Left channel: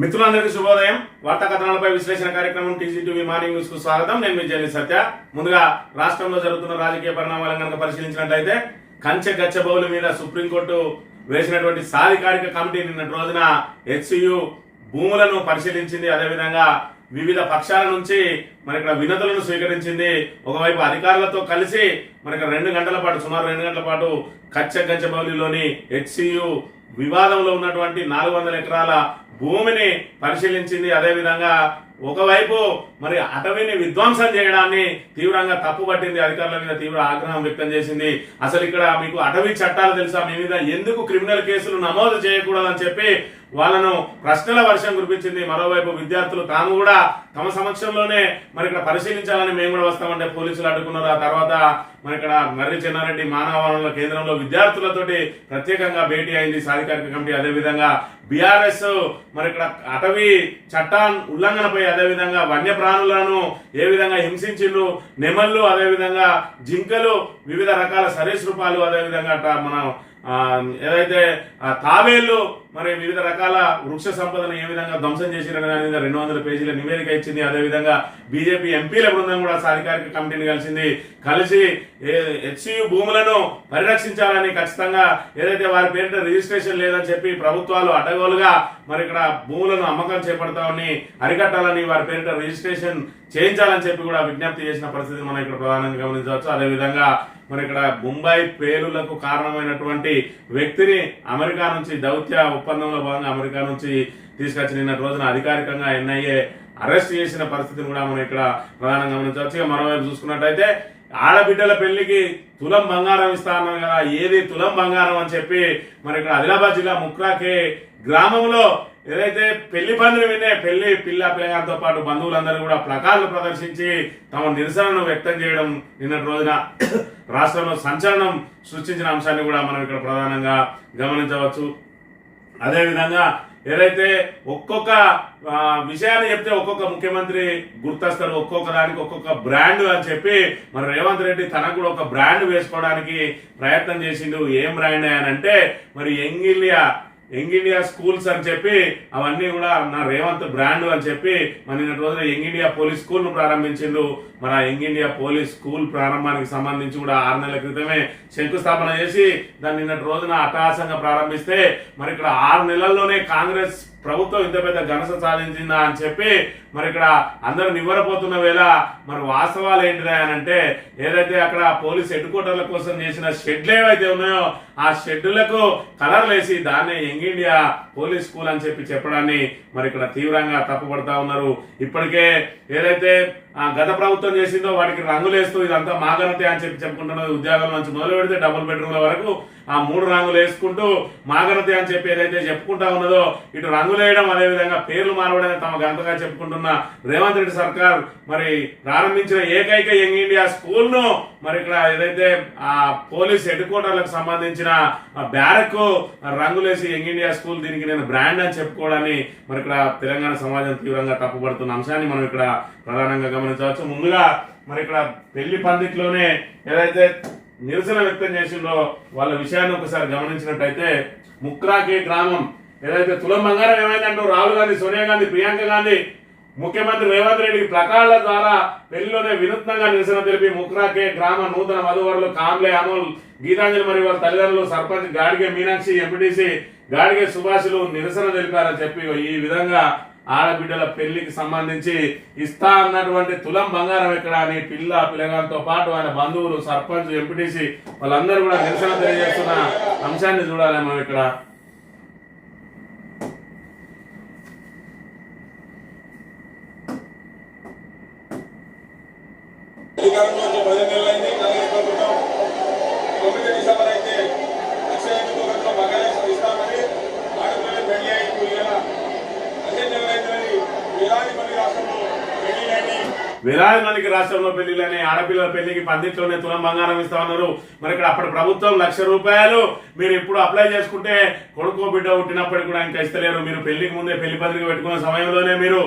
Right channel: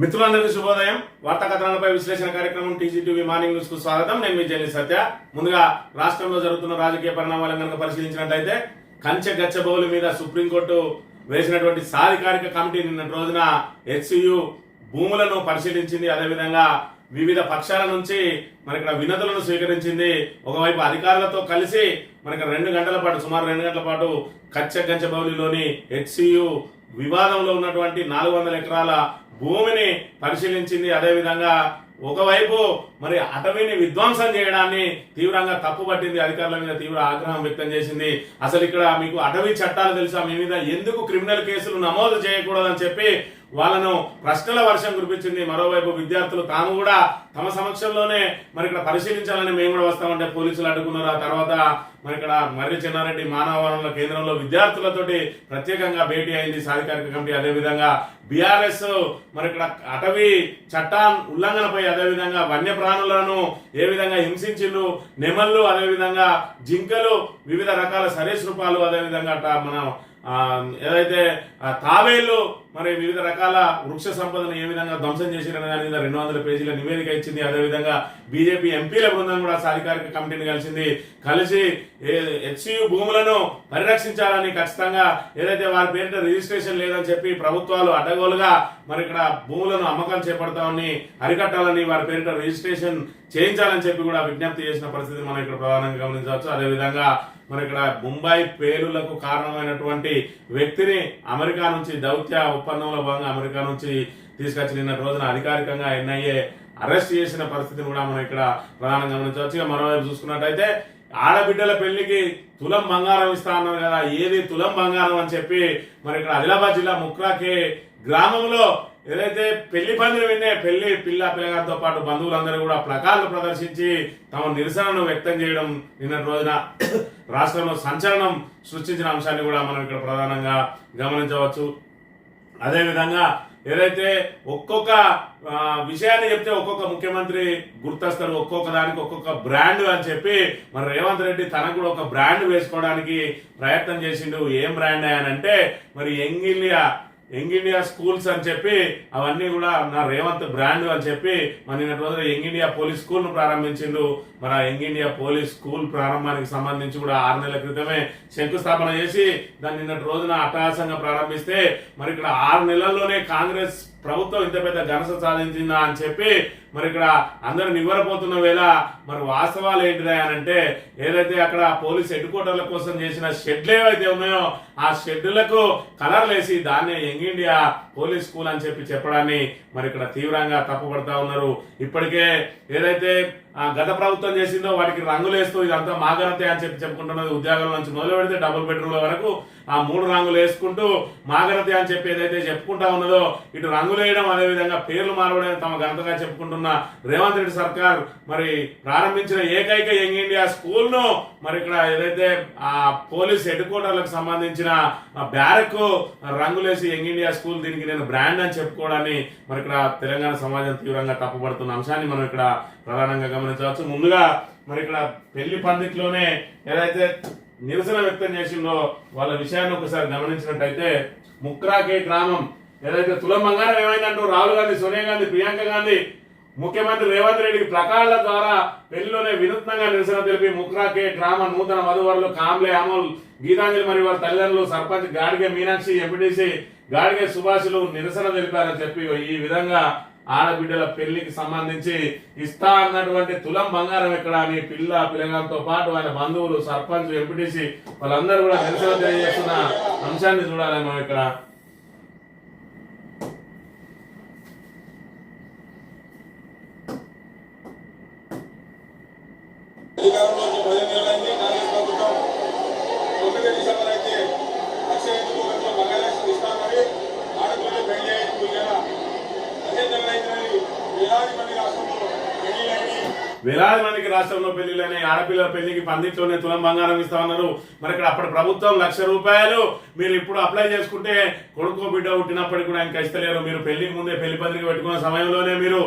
మిత్రులందరికీ శుభోదయం. వార్తా కథనాలపై విశ్లేషణ కార్యక్రమం టీజీటీవీ మార్నింగ్ న్యూస్కు స్వాగతం. నేను మీ జల్లి సత్య. ముందుగా రాష్ట్రంలో జరుగుతున్న రాజకీయ పరిణామాలను కనుక పరిశీలించినట్లయితే కంచె గచ్చబౌలి మీద సుప్రీంకోర్టు వేసినటువంటి సాధికారిక కమిటీ నిన్నటి రోజున హెచ్సియు భూములను పరిశీలించింది. అదేవిధంగా వివిధ పక్షాల నుంచి మరి ఇక్కడ వినతులను స్వీకరించింది. ఒకవైపు అధికారులతో కలిసి మరి ఇక్కడ రెండు గంటల పాటు సుమారు రెండు గంటల పాటు కచ్చ గంచబౌలిలోని హెచ్సియు వివాదంలో ఉన్నటువంటి నాలుగు వందల ఎకరాల భూమిని పరిశీలించింది. అదేవిధంగా ఒకవైపు మరి అటవీని విధ్వంసం చేయడాన్ని తీవ్రంగా తప్పుపట్టింది. అధికారుల మీద తీవ్ర ఆగ్రహం వ్యక్తం చేసింది. అసలు ఇక్కడ మీకు అటవీ చట్టాలు తెలుసా? మీ మీద ఎందుకు క్రిమినల్ కేసులు నమోదు చేయకూడదని చెప్పి వాళ్ళను ప్రశ్నల వర్షం కురిపించింది. మరోవైపు విద్యార్థులు తాము కూడా తమ సమక్షంలోనే మరి ఇక్కడ పరిశీలించాలని మేము కూడా వస్తామంటే పోలీసులు అడ్డుకున్నారు. ఆ తర్వాత మరి ఇక్కడ మర్రి చెన్నారెడ్డి మానవ వనరుల కేంద్రంలో విద్యార్థులతోటి ప్రత్యేకంగా భేటీ అయింది సాధికారిక కమిటీ. అదేవిధంగా బీఆర్ఎస్ మరి ఇక్కడ అటవీ చట్టా ఉల్లంఘనపై అదేవిధంగా వన్యప్రాణులను ఏ విధంగా హింసించిండ్రు? నెమళ్ళు అదేవిధంగా జింకలు వివిధ రకాల సరీసృపాలు అదేవిధంగా మనం మన ఏదైతే తాబేళ్ళు మరి వివిధ రకాల వృక్ష సంపదను ఏ విధంగా ధ్వంసం చేసిరనే దాని మీద రెండు వందల పేజీల నివేదిక ఇచ్చింది. అదేవిధంగా బీజేపీ ఎంపీల బృందం కూడా సాధికారిక కమిటీని కలిసింది. కలిసి హెచ్సియు భూములను పరిరక్షించాలని ఖచ్చితంగా ఏదైతే వారి పేరిట రిజిస్ట్రేషన్ లేదని చెప్పి ప్రభుత్వాలు అడ్డగోలుగా మరి ఇక్కడ భూములను అమ్మకం చేపడతామని అరికట్టాలని వారి పేరిట రిజిస్ట్రేషన్ చేయించాలని చెప్పి కూడా విజ్ఞప్తి చేసిన పరిస్థితి మనం ఇక్కడ ప్రధానంగా గమనించవచ్చు. అదేవిధంగా మరి ఇక్కడ ముంబై పేలులకు కారణమైనటువంటి వ్యక్తిని అమెరికా నుంచి దౌత్య ఒప్పందంలో భాగంగా అమెరికా నుంచి తీసుకొచ్చి నిన్న రోజున అధికారికంగా ఎన్ఐఏ అరెస్ట్ చేసిన పరిస్థితిని కూడా మనం ఇక్కడ ప్రధానంగా గమనించవచ్చు. ఇక మరోవైపు చూసుకున్నట్టయితే ఆడబిడ్డల పెళ్ళికి తులం బంగారం ఇస్తా కదా ఏది తులం బంగారం అని చెప్పి మరి ఇక్కడ ఆదిలాబాద్ జిల్లా ముక్రాకే గ్రామంలో ఏదైతే పెళ్ళి పందిరి వినే పెళ్ళి పిల్ల పిల్లగారితో పాటు బంధువులందరూ కూడా ప్లకార్లు ప్రదర్శించి తమ నిరసనను వ్యక్తం చేయడం నిన్నటి రోజున రాష్ట్రంలో సంచలనం సృష్టించిన అంశాన్ని కూడా మనం ఇక్కడ ప్రధానంగా గమనించవచ్చు. అదేవిధంగా ఏదైతే ఒక్కొక్క విషయాన్ని చెప్తే ఒక్కొక్క ముఖ్యమంత్రి గుర్తొస్తారు ఒక్కొక్క దానికి ఒక్కొక్క బ్రాండ్ అని చెప్పి. మరి రేవంత్ రెడ్డి తనకు కూడా ఒక బ్రాండ్ వేసుకోవడానికి ప్రయత్నం చేసిండు. ఏం బ్రాండ్ అని అంటే మరి young India young India schools అని చెప్పి అవన్నీ కూడా నా రేవంత్ బ్రాండ్ అని చెప్పి మన నిన్నటి రోజున యంగ్ ఇండియా పోలీస్ స్కూల్ను ప్రారంభించిండు. మరి ఆ యంగ్ ఇండియా పోలీస్ స్కూల్ ప్రారంభానికి సంబంధించి కూడా ఆరు నెలల క్రితమే శంకుస్థాపన చేసి దాన్ని నిన్నటి రోజున అట్టహాసంగా ప్రారంభిస్తే మరి ఇక్కడ ఆరు నెలల్లోనే కాంగ్రెస్ ప్రభుత్వం ఇంత పెద్ద ఘనత సాధించిందా అని చెప్పి మరి ఇక్కడ అందరూ నివ్వరపోతున్న వేళ మరి వాస్తవాలు ఏంటిదా అని అంటే ఏదైతే అక్కడ పోలీస్ హెడ్ క్వార్టర్ల కోసం చేసిన షెడ్లు ఏవైతే ఉన్నాయో ఆ షెడ్లకు కలర్లు వేసి దాన్నే యంగ్ ఇండియా పోలీస్ స్కూల్ అని చెప్పి చెప్పడాన్ని మరి ఇక్కడ తీవ్రంగా తప్పుపడతా ఉన్నారు. ఇప్పటికే ఏదైతే ఆ గత ప్రభుత్వం చేసిందో వాటికి రంగులేస్తూ ఇదంతా మాగనతే అని చెప్పి చెప్పుకుంటున్నది ఉద్యోగం నుంచి మొదలు పెడితే డబుల్ బెడ్రూమ్ల వరకు ఆ మూడు రంగులు వేసుకుంటూ మాగనతే అని చెప్పి ఏదైతే చెప్పుకుంటా ఉన్నదో ఇటు రంగులు వేయడం అదేవిధంగా పేర్లు మారవడం తమ ఘనతగా చెప్పుకుంటున్న రేవంత్ రెడ్డి సర్కార్ మరి ప్రారంభించిన ఏకైక యంగ్ ఇండియా స్కూల్ను మరి ఇక్కడ ఏదైతే ఆ పోలీస్ హెడ్ క్వార్టర్లకు సంబంధించిన ఆ బ్యారక్ రంగులేసి యంగ్ ఇండియా స్కూల్ దీనికి నేను బ్రాండ్ అని చెప్పుకోవడాన్ని మరి ఇక్కడ తెలంగాణ సమాజం తీవ్రంగా తప్పుపడుతున్న అంశాన్ని మనం ఇక్కడ ప్రధానంగా గమనించవచ్చు. ముందుగా మరి ఇక్కడ పెళ్ళి పందిట్లోనే ఏదైతే నిరసన వ్యక్తం చేసిందో వాళ్ళ విషయాన్ని ఒకసారి గమనించినట్టయితే ముక్రాకే గ్రామం ఏదైతే తులం బంగారం ఏమైందంటూ రాహుల్ గాంధీ సోనియా గాంధీ ప్రియాంక గాంధీ ముఖ్యమంత్రి రేవంత్ రెడ్డికి ప్లకార్డుల ద్వారా పెళ్ళిలోనే వినూత్నంగా నిరసన తెలిపి ముక్రాకే గ్రామ నూతన వధువరులు కాంబ్లే అమల్ గీతాంజలి మరియు వారి తల్లిదండ్రులు సర్పంచ్ గాడిగే మీనాక్షి ఎంపీటీసీ గాడిగే సుభాషులు నిరసన తెలిపారని చెప్పి ఈ విధంగా ఆడబిడ్డల పెళ్ళికి సంబంధించి ఇస్తా అన్నటువంటి తులం బంగారం ఎక్కడ అని పిల్ల పిల్లగాలతో పాటు ఆయన బంధువులు సర్పంచ్ ఎంపీటీసీ వాళ్ళందరూ కూడా నిరసన తెలియజేస్తున్న అంశాన్ని చూడాలి మనం ఇక్కడ Thank you నెలలైంది కాంగ్రెస్ ప్రభుత్వం తొమ్మిది డిసెంబర్ అయితే లక్ష ఎన్నికలతో బంగాళాదేశ్ ఇస్తామని ఆడపిల్లలు పెళ్ళి అయింది ఇలా పదిహేను నెలలు అయితే వేలాది రాష్ట్రంలో మందికి రాష్ట్రంలో పెళ్ళిలని ఆడపిల్లల పెళ్ళికి పందిట్లోనే తులం బంగారం ఇస్తామన్నారు. మరి ఇక్కడ అప్పటి ప్రభుత్వం లక్ష రూపాయలు. మీరు ఇప్పుడు అప్లై చేసుకుంటే కొడుకో బిడ్డ పుట్టినప్పటికి కూడా ఇంకా ఇస్తలేరు. మీరు పెళ్ళికి ముందే పెళ్ళి పత్రిక పెట్టుకున్న సమయంలోనే మీరు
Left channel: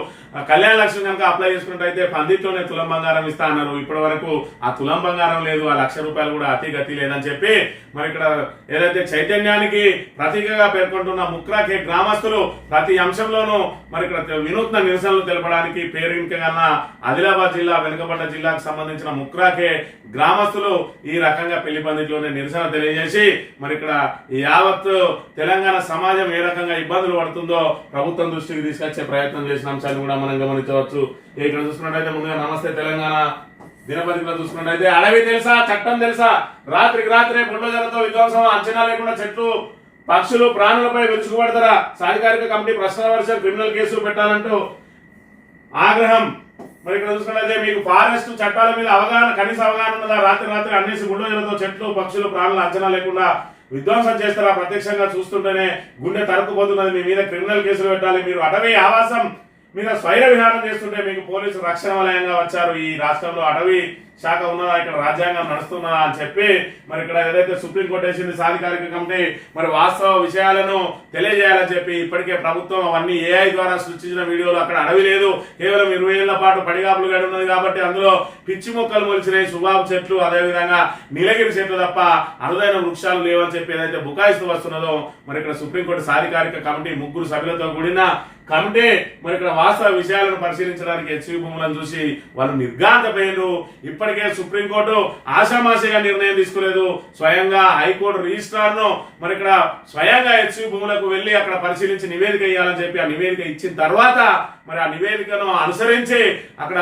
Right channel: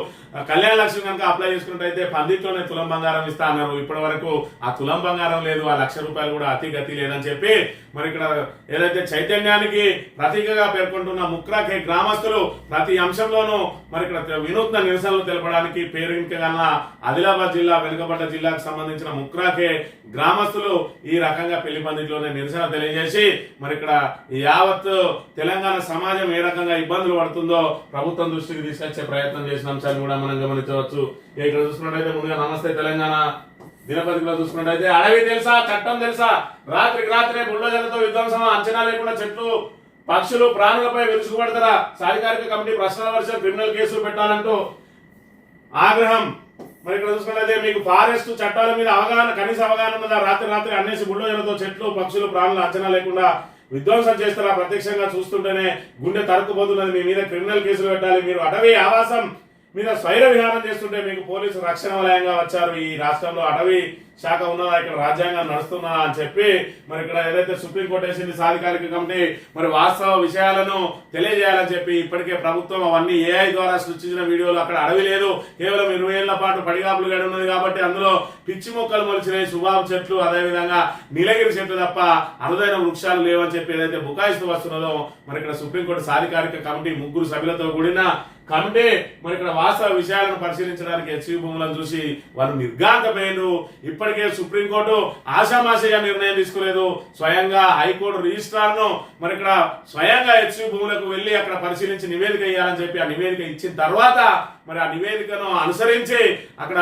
కళ్యాణ లక్ష్యం కనుక అప్లై చేసుకున్నట్టయితే పందిట్లోనే తులం బంగారం ఇస్తా అన్నారు. ఇప్పటి వరకు ఆ తులం బంగారం లేదు ఆ లక్ష రూపాయలు కూడా అతి గతి లేదని చెప్పి మరి ఇక్కడ ఏదైతే చైతన్యానికి ప్రతీకగా పేర్కొంటున్న ముక్రాకే గ్రామస్తులు ప్రతి అంశంలోనూ మరి ఇక్కడ వినూత్న నిరసనలు తెలపడానికి పేరు ఆదిలాబాద్ జిల్లా వెనుకబడ్డ జిల్లాకు సంబంధించిన ముక్రాకే గ్రామస్తులు ఈ రకంగా పెళ్ళి పందిట్లోనే నిరసన తెలియజేసి మరి ఇక్కడ యావత్ తెలంగాణ తెలంగాణ సమాజం ఏ రకంగా ఇబ్బందులు పడుతుందో ప్రభుత్వం దృష్టికి తీసుకొచ్చే ప్రయత్నం చేసిన అంశాన్ని కూడా మనం గమనించవచ్చు. ఇక్కడ చూసుకున్నట్టయితే ముందుగా నమస్తే తెలంగాణ. దినపత్రికలో చూసుకున్నట్టయితే అడవి తెలుసా చట్టం తెలుసా? రాత్రికి రాత్రే బుల్డోజర్లతో విధ్వంసం అంచనా లేకుండా చెట్లు పక్షులు ప్రాణులపై విరుచుకుపడతారా? సాధికారిక కమిటీ ప్రశ్నల వర్షం క్రిమినల్ కేసులు పెట్టాలంటూ ఆగ్రహం. మరి ఇక్కడ చూసుకున్నట్లయితే మీకు ఫారెస్ట్ చట్టాల మీద అవగాహన కనీస అవగాహన ఉన్నదా? రాత్రి రాత్రి అన్నేసి బుల్డోజర్లతో చెట్లు పక్షులు ప్రాణులు అంచనా లేకుండా విధ్వంసం చేస్తారా? ప్రత్యక్షంగా చూస్తుంటేనే గుండె తరుక్కుపోతున్నది. మీ మీద క్రిమినల్ కేసులు పెట్టాలి. మీరు అటవీ ఆవాసం మీద స్వైర విహారం చేస్తుంటే మీకు పోలీసు రక్షణ వలయంగా వచ్చారు. ఈ రాష్ట్రంలో అటవీ శాఖ ఉన్నదా ఇక్కడ రాజ్యాంగం నడుస్తున్నా అని చెప్పి మరి ఇక్కడ ఏదైతే సుప్రీంకోర్టు వేసింది సాధికారిక కమిటీ మరి వాస్తవ విషయాలను తెలియజేయాలని చెప్పి ఇప్పటికే ప్రభుత్వం అవన్నీ ఏఐ ద్వారా సృష్టించిన వీడియోలు అక్కడ అడవి లేదు. కేవలం ఇరవై ఏళ్ళ పాటు పడిగాపులు గడి ఉన్నది కాబట్టి అందులో పిచ్చి మొక్కలు మొలిచినాయి సుబాబు చెట్లు అదేవిధంగా నీలగిరి చెట్లు తప్ప అరుదైన వృక్షాలు లేవని చెప్పి ఏదైతే బుకాయిస్తూ వస్తున్నదో మరి ఇక్కడ సుప్రీంకోర్టు సాధికారిక కమిటీ ముగ్గురు సభ్యులతో కూడిన కమిటీ మరి ఇక్కడ వాస్తవ విషయాలను పరిశీలించడానికి హెచ్వి భూములను చూసి వాళ్ళు నిర్గాంతపోయారు ఇప్పటికే సుప్రీంకోర్టు ఆషామాషిగా నిర్ణయం తీసుకోలేదు. స్వయంగా హైకోర్టు రిజిస్ట్రార్ను మరి ఇక్కడ స్వయంగా హెచ్సి భూములకు వెళ్ళి అక్కడ పరిశీలించి నివేదిక ఇవ్వాలని చెప్పి ఆ నివేదిక ఇచ్చిన తర్వాత మరి ఆ నివేదికను అనుసరించి అక్కడ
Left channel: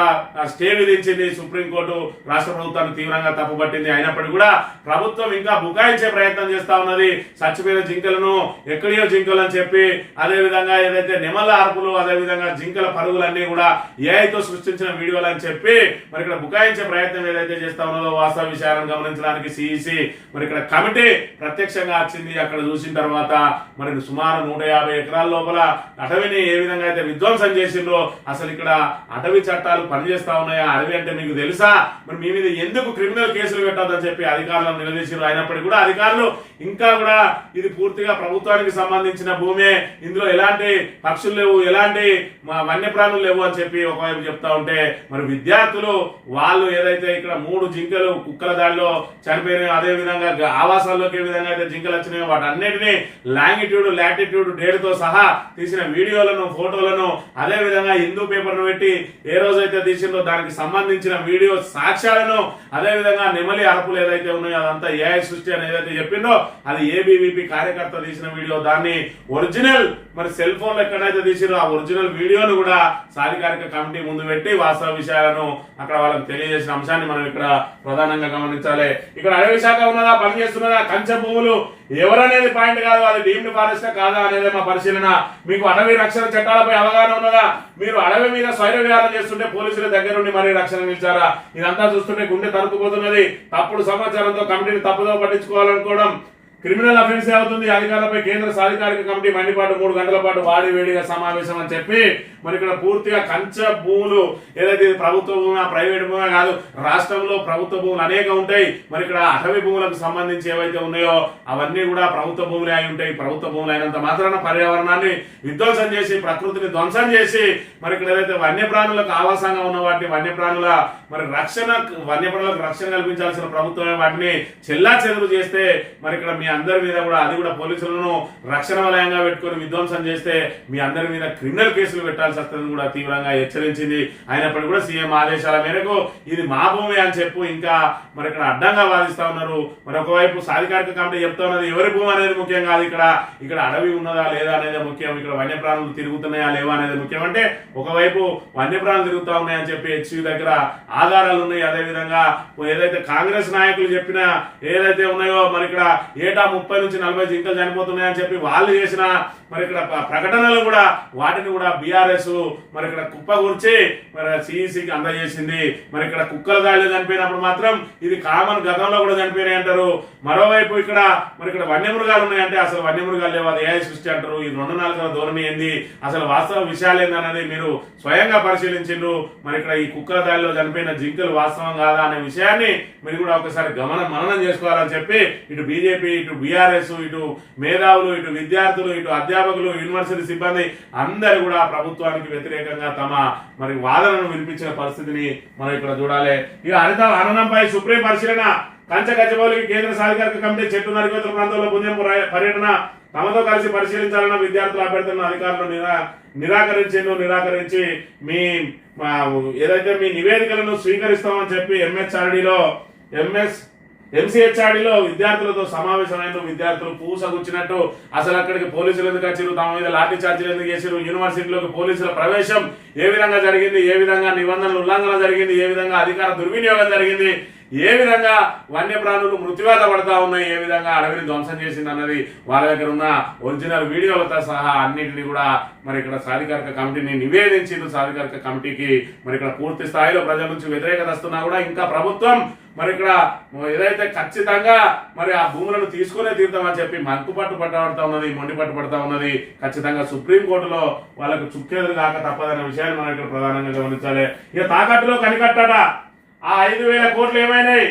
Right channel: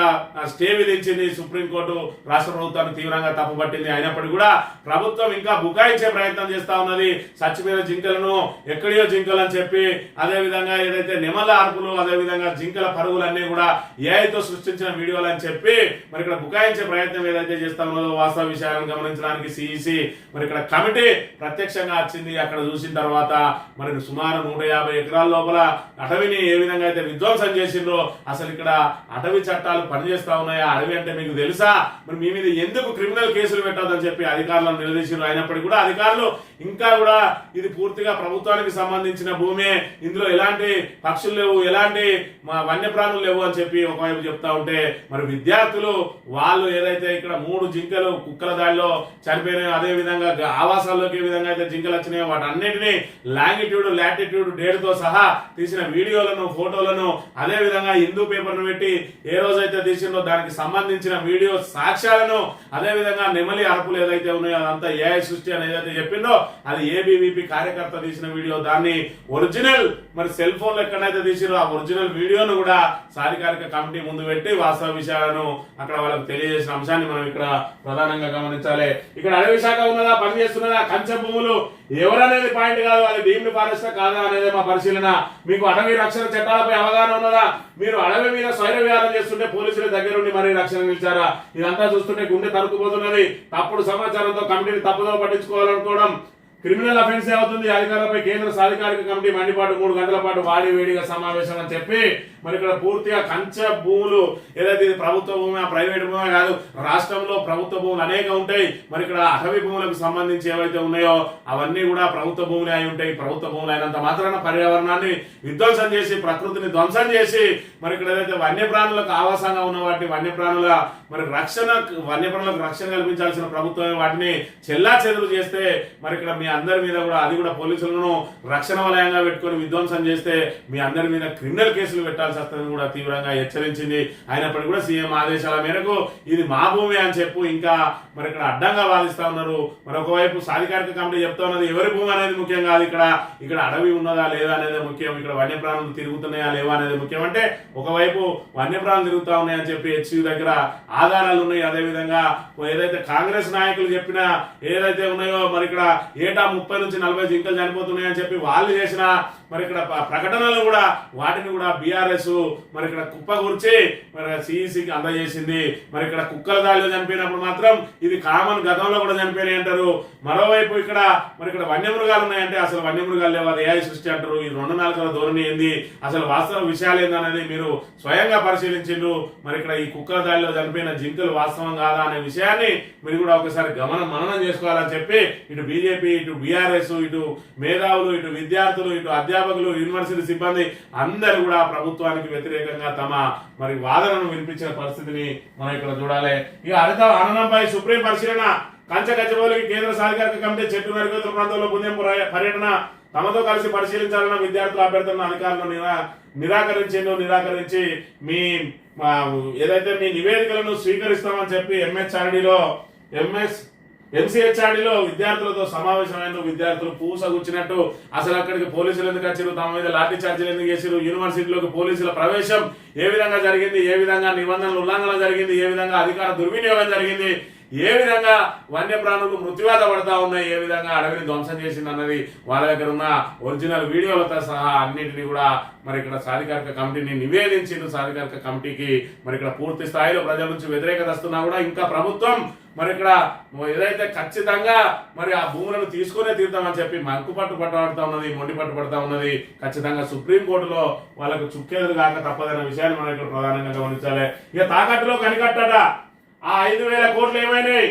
స్టే విధించింది సుప్రీంకోర్టు రాష్ట్ర ప్రభుత్వాన్ని తీవ్రంగా తప్పుపట్టింది. అయినప్పటికీ కూడా ప్రభుత్వం ఇంకా బుకాయించే ప్రయత్నం చేస్తా ఉన్నది. చచ్చిపోయిన జింకలను ఎక్కడియో జింకలు అని చెప్పి అదే విధంగా ఏదైతే నిమల అరుపులు అదేవిధంగా జింకల పరుగులన్నీ కూడా ఏఐతో సృష్టించిన వీడియోలు అని చెప్పి మరి ఇక్కడ బుకాయించే ప్రయత్నం ఏదైతే చేస్తా ఉన్నదో వాస్తవ విషయాలను గమనించడానికి సిఇసి మరి ఇక్కడ కమిటీ ప్రత్యక్షంగా వచ్చింది. అక్కడ చూసిన తర్వాత మరి సుమారు నూట యాభై ఎకరాల లోపల అటవీని ఏ విధంగా అయితే విధ్వంసం చేసిండ్రో? అసలు ఇక్కడ అటవీ చట్టాలు పనిచేస్తా ఉన్నాయా? అడవి అంటే మీకు తెలుసా? మరి మీ మీద ఎందుకు క్రిమినల్ కేసులు పెట్టొద్దని చెప్పి అధికారులను నిలదీసారు అయినప్పటికీ కూడా అధికారులు ఇంకా కూడా ఇది పూర్తిగా ప్రభుత్వానికి సంబంధించిన భూమే. ఇందులో ఎలాంటి పక్షులు లేవు ఎలాంటి మా వన్యప్రాణులు లేవు అని చెప్పి ఒకవైపు చెప్తా ఉంటే మరి విద్యార్థులు వాళ్ళు ఏదైతే ఇక్కడ మూడు జింకలు కుక్కల దాడిలో చనిపోయినాయో అదే విధంగా ఆవాసాల్లోకి ఏ విధంగా అయితే జింకలు వచ్చినాయో వాటన్నిటిని లాంగిట్యూడ్ లాటిట్యూడ్ డేట్తో సహా తీసిన వీడియోలను ఫోటోలను అదే విధంగా హిందూ పేపర్ను పెట్టి ఏ రోజైతే తీసిందో దానికి సంబంధించిన వీడియో సాక్ష్యాలను అదేవిధంగా నెమలి అరుపులు ఏదైతే ఉన్నాయో అదంతా ఏఐ సృష్టి అని ఏదైతే చెప్పిందో అది ఏబీవీపీ కార్యకర్త తీసిన వీడియో. దాన్ని ఒరిజినల్ మరి సెల్ ఫోన్లో ఎక్కడైతే తీసిరో ఆ ఒరిజినల్ వీడియోను కూడా సాధికారిక కమిటీ ముందు పెట్టి వాస్తవ విషయాలను అక్కడ వాళ్ళకి తెలియజేసిన అంశాన్ని మనం ఇక్కడ ప్రధానంగా గమనించాలి. ఇక్కడ అడవి శాఖ ఉన్నదా పనిచేస్తున్నదా కంచె భూములు ఎవరనేది పాయింట్ కాదు అది డీమ్డ్ ఫారెస్ట్ కాదా అనేది మా పరిశీలన. మీకు అటవీ రక్షణ చట్టాలపై అవగాహన ఉన్నదా? మీరు అడవి మీద స్వైర విహారం చేస్తుంటే పోలీసుల దగ్గర నుండి మరీ రక్షణ నిలిచారా? ఇదంతా చూస్తుంటే గుండె తరుకుపోతున్నది తప్పుడు సమాచారంతో కమిటీని తప్పుదో పట్టించుకోవాలనుకోవడం క్రిమినల్ అఫెన్స్ అవుతుంది అధికారులపై కేంద్ర సాధికారిక కమిటీ మండిపాటు మూడు గంటల పాటు వాడి వేడిగా సమావేశం అని చెప్పి మరి ఇక్కడ పూర్తిగా కంచ భూములు ఏదైతే ప్రభుత్వ భూమి ప్రైవేట్ భూమి కాదు రాష్ట్రంలో ప్రభుత్వ భూములు అనేక ఉంటాయి. మరి ఇక్కడ అటవీ భూములకు సంబంధించి ఏవైతే ఉన్నాయో అవన్నీ కూడా ప్రభుత్వ భూములే అయి ఉంటాయి. ప్రభుత్వ భూములు అయినంత మాత్రాన పర్యావరణాన్ని విధ్వంసం చేసి ప్రకృతిని ధ్వంసం చేసి మరి ఇక్కడ ఏదైతే వన్యప్రాణులకు ఆవాసంగా ఉన్న వాటిని వన్యప్రాణుల మరి రక్షణ వన్యప్రాణులకు రక్షణ కల్పించాల్సిన ప్రభుత్వమే వాటిని చెల్లా చెదురు చేస్తే మరి ఇక్కడ మీ అందరి మీద కూడా అది కూడా పోలీసులను రక్షణ వలయంగా పెట్టుకొని విధ్వంసం చేస్తే మీ అందరి మీద క్రిమినల్ కేసులు పెట్టాల్సి వస్తుందని కూడా తీవ్రంగా హెచ్చరించింది. అయినప్పటికీ కూడా సీఎం ఆదేశాల మేరకు ఇది మా భూమి అని చెప్పు ఇంకా మరి ఇక్కడ అడ్డంగా వాదిస్తా ఉన్నారు. మరి ఒకవైపు సాధికారిక కమిటీ చెప్తా ఉన్నది ఎవరి భూమి అనేది ముఖ్యం కాదు ఇక్కడ. ఇక్కడ అడవి ఉన్నదా లేదా అనేది ముఖ్యం. ఇక్కడ వన్యప్రాణులు తిరుగుతున్నాయా లేవా అనేది ముఖ్యం. అంటే ఒకవైపు వన్యప్రాణులు తిరుగుతా ఉన్నాయని చెప్పి హెచ్సి దగ్గర ఆధారాలు ఉన్నాయి. అదే విధంగా ఏదైతే కాంగ్రెస్ నాయకులు చెప్పిన ఏదైతే ఉన్నాయో మరి ఇక్కడ ఏ ఏటా ముప్పై నుంచి నలభై జింకలు చనిపోతున్నాయని చెప్పి వాళ్ళు చేసిన మరి ఇక్కడ ప్రకటనలు కూడా వాటిని కూడా బీఆర్ఎస్ మరి ఇక్కడ కుప్పగూర్చి మరి సిఈసికి అందజేసింది. మరి ఇక్కడ కుక్కల దాడిలో చనిపోయినప్పుడు మాత్రం ఇది కామన్ గతంలో కూడా చనిపోయినాయి అంటారు. మరోవైపు ఇక్కడ మరి ఇక్కడ వన్యమృగాలు ఉన్నాయంటే అసలు వన్యమృగాలు లేవు. అది ఏఐ సృష్టి అంటారు. ఈ రెండు నాలుగవ ధోరణి ఏంది? అసలు వాస్తవ విషయాలు ఏందనేది మీరు స్వయంగా పరిశీలించిండ్రు. మరి ఇక్కడ ఈ కుక్కల దాడిలో చనిపోయిన జింకలు వాస్తవం కాదా అనే విషయాన్ని మీరు కూడా ఒకసారి గమన మననం చేసుకోవాలని చెప్పి ఇటు బీజేపీ ఇటు ఇటు బీఆర్ఎస్ ఇటు మేధావులు ఇటు విద్యార్థులు ఇటు అధ్యాపకులు యూనివర్సిటీ సిబ్బంది అందరూ కూడా ప్రభుత్వానికి వ్యతిరేకంగా తమ మరి వాదనను వినిపించిన పరిస్థితిని మనం ఇక్కడ చూడాలి. ఇక హరిత హననంపై సుప్రీం పరిశీలన. కంచగచ్చబౌలికి కేంద్ర సాధికారిక కమిటీ చెట్టు నరివేతుల ప్రాంతంలో పుణ్యంపు పర్యటన. తమతో కలిసి పరిశీలించాలన్న విద్యార్థుల అభ్యర్థులను అధికారులు నిరా నిరాకరించిండు నిరాకరించి మీ ఏదైతే మీ నివేదికలను స్వీకరిస్తామని చెప్పి ఎంహెచ్ఆర్డీలో ఎంఎస్ ఎంసీహెచ్ఆర్డీలో విద్యార్థులతో సమావేశమైన విద్యార్థులు పూసగుచ్చినట్టు అసలు అక్కడికి పోలీసులు ఎందుకు వచ్చారు తమ మీద లాఠీ ఛార్జీలు ఎందుకు చేశారు యూనివర్సిటీలోకి పోలీసుల ప్రవేశం ఏ విధంగా జరిగింది? ఏ విధంగా నిబంధనల ఉల్లంఘన జరిగింది? ఏ విధంగా అధికార దుర్వినియోగం జరిగింది? ఏ విధంగా వన్యప్రాణులు మృత్యువాత పడతా ఉన్నాయి ఏ విధంగా అడవిని ధ్వంసం చేసింది అన్నది వాళ్ళ దగ్గర ఉన్న ఒరిజినల్ వీడియోలతో సహా అన్నింటినీ కూడా మరి ఇక్కడ సాధికారిక కమిటీని నివేదించింది సాధికారిక కమిటీకి మరి ఇక్కడ పూర్తి స్థాయిలో ప్రజల నుంచి వ్యతిరేకత వస్తున్నా కూడా ఇంకా ప్రభుత్వం మరి ఇక్కడ ఏదైతే ఖచ్చితంగా మరి ఆ భూములను తీసుకునే తీరుతామని చెప్పి మంకు పట్టు పట్టబడతా ఉన్నది మొండి పట్టు పడతా ఉన్నది ఖచ్చితంగా సుప్రీంకోర్టులో వాళ్ళకు చుక్కేదురు కాక తప్పదనే విషయాన్ని మనం ఇక్కడ ప్రధానంగా గమనించాలి. ఇక తాకట్టులో కనికట్టట. ఆ ఐదు వేల కోట్లు ఏమైనాయి?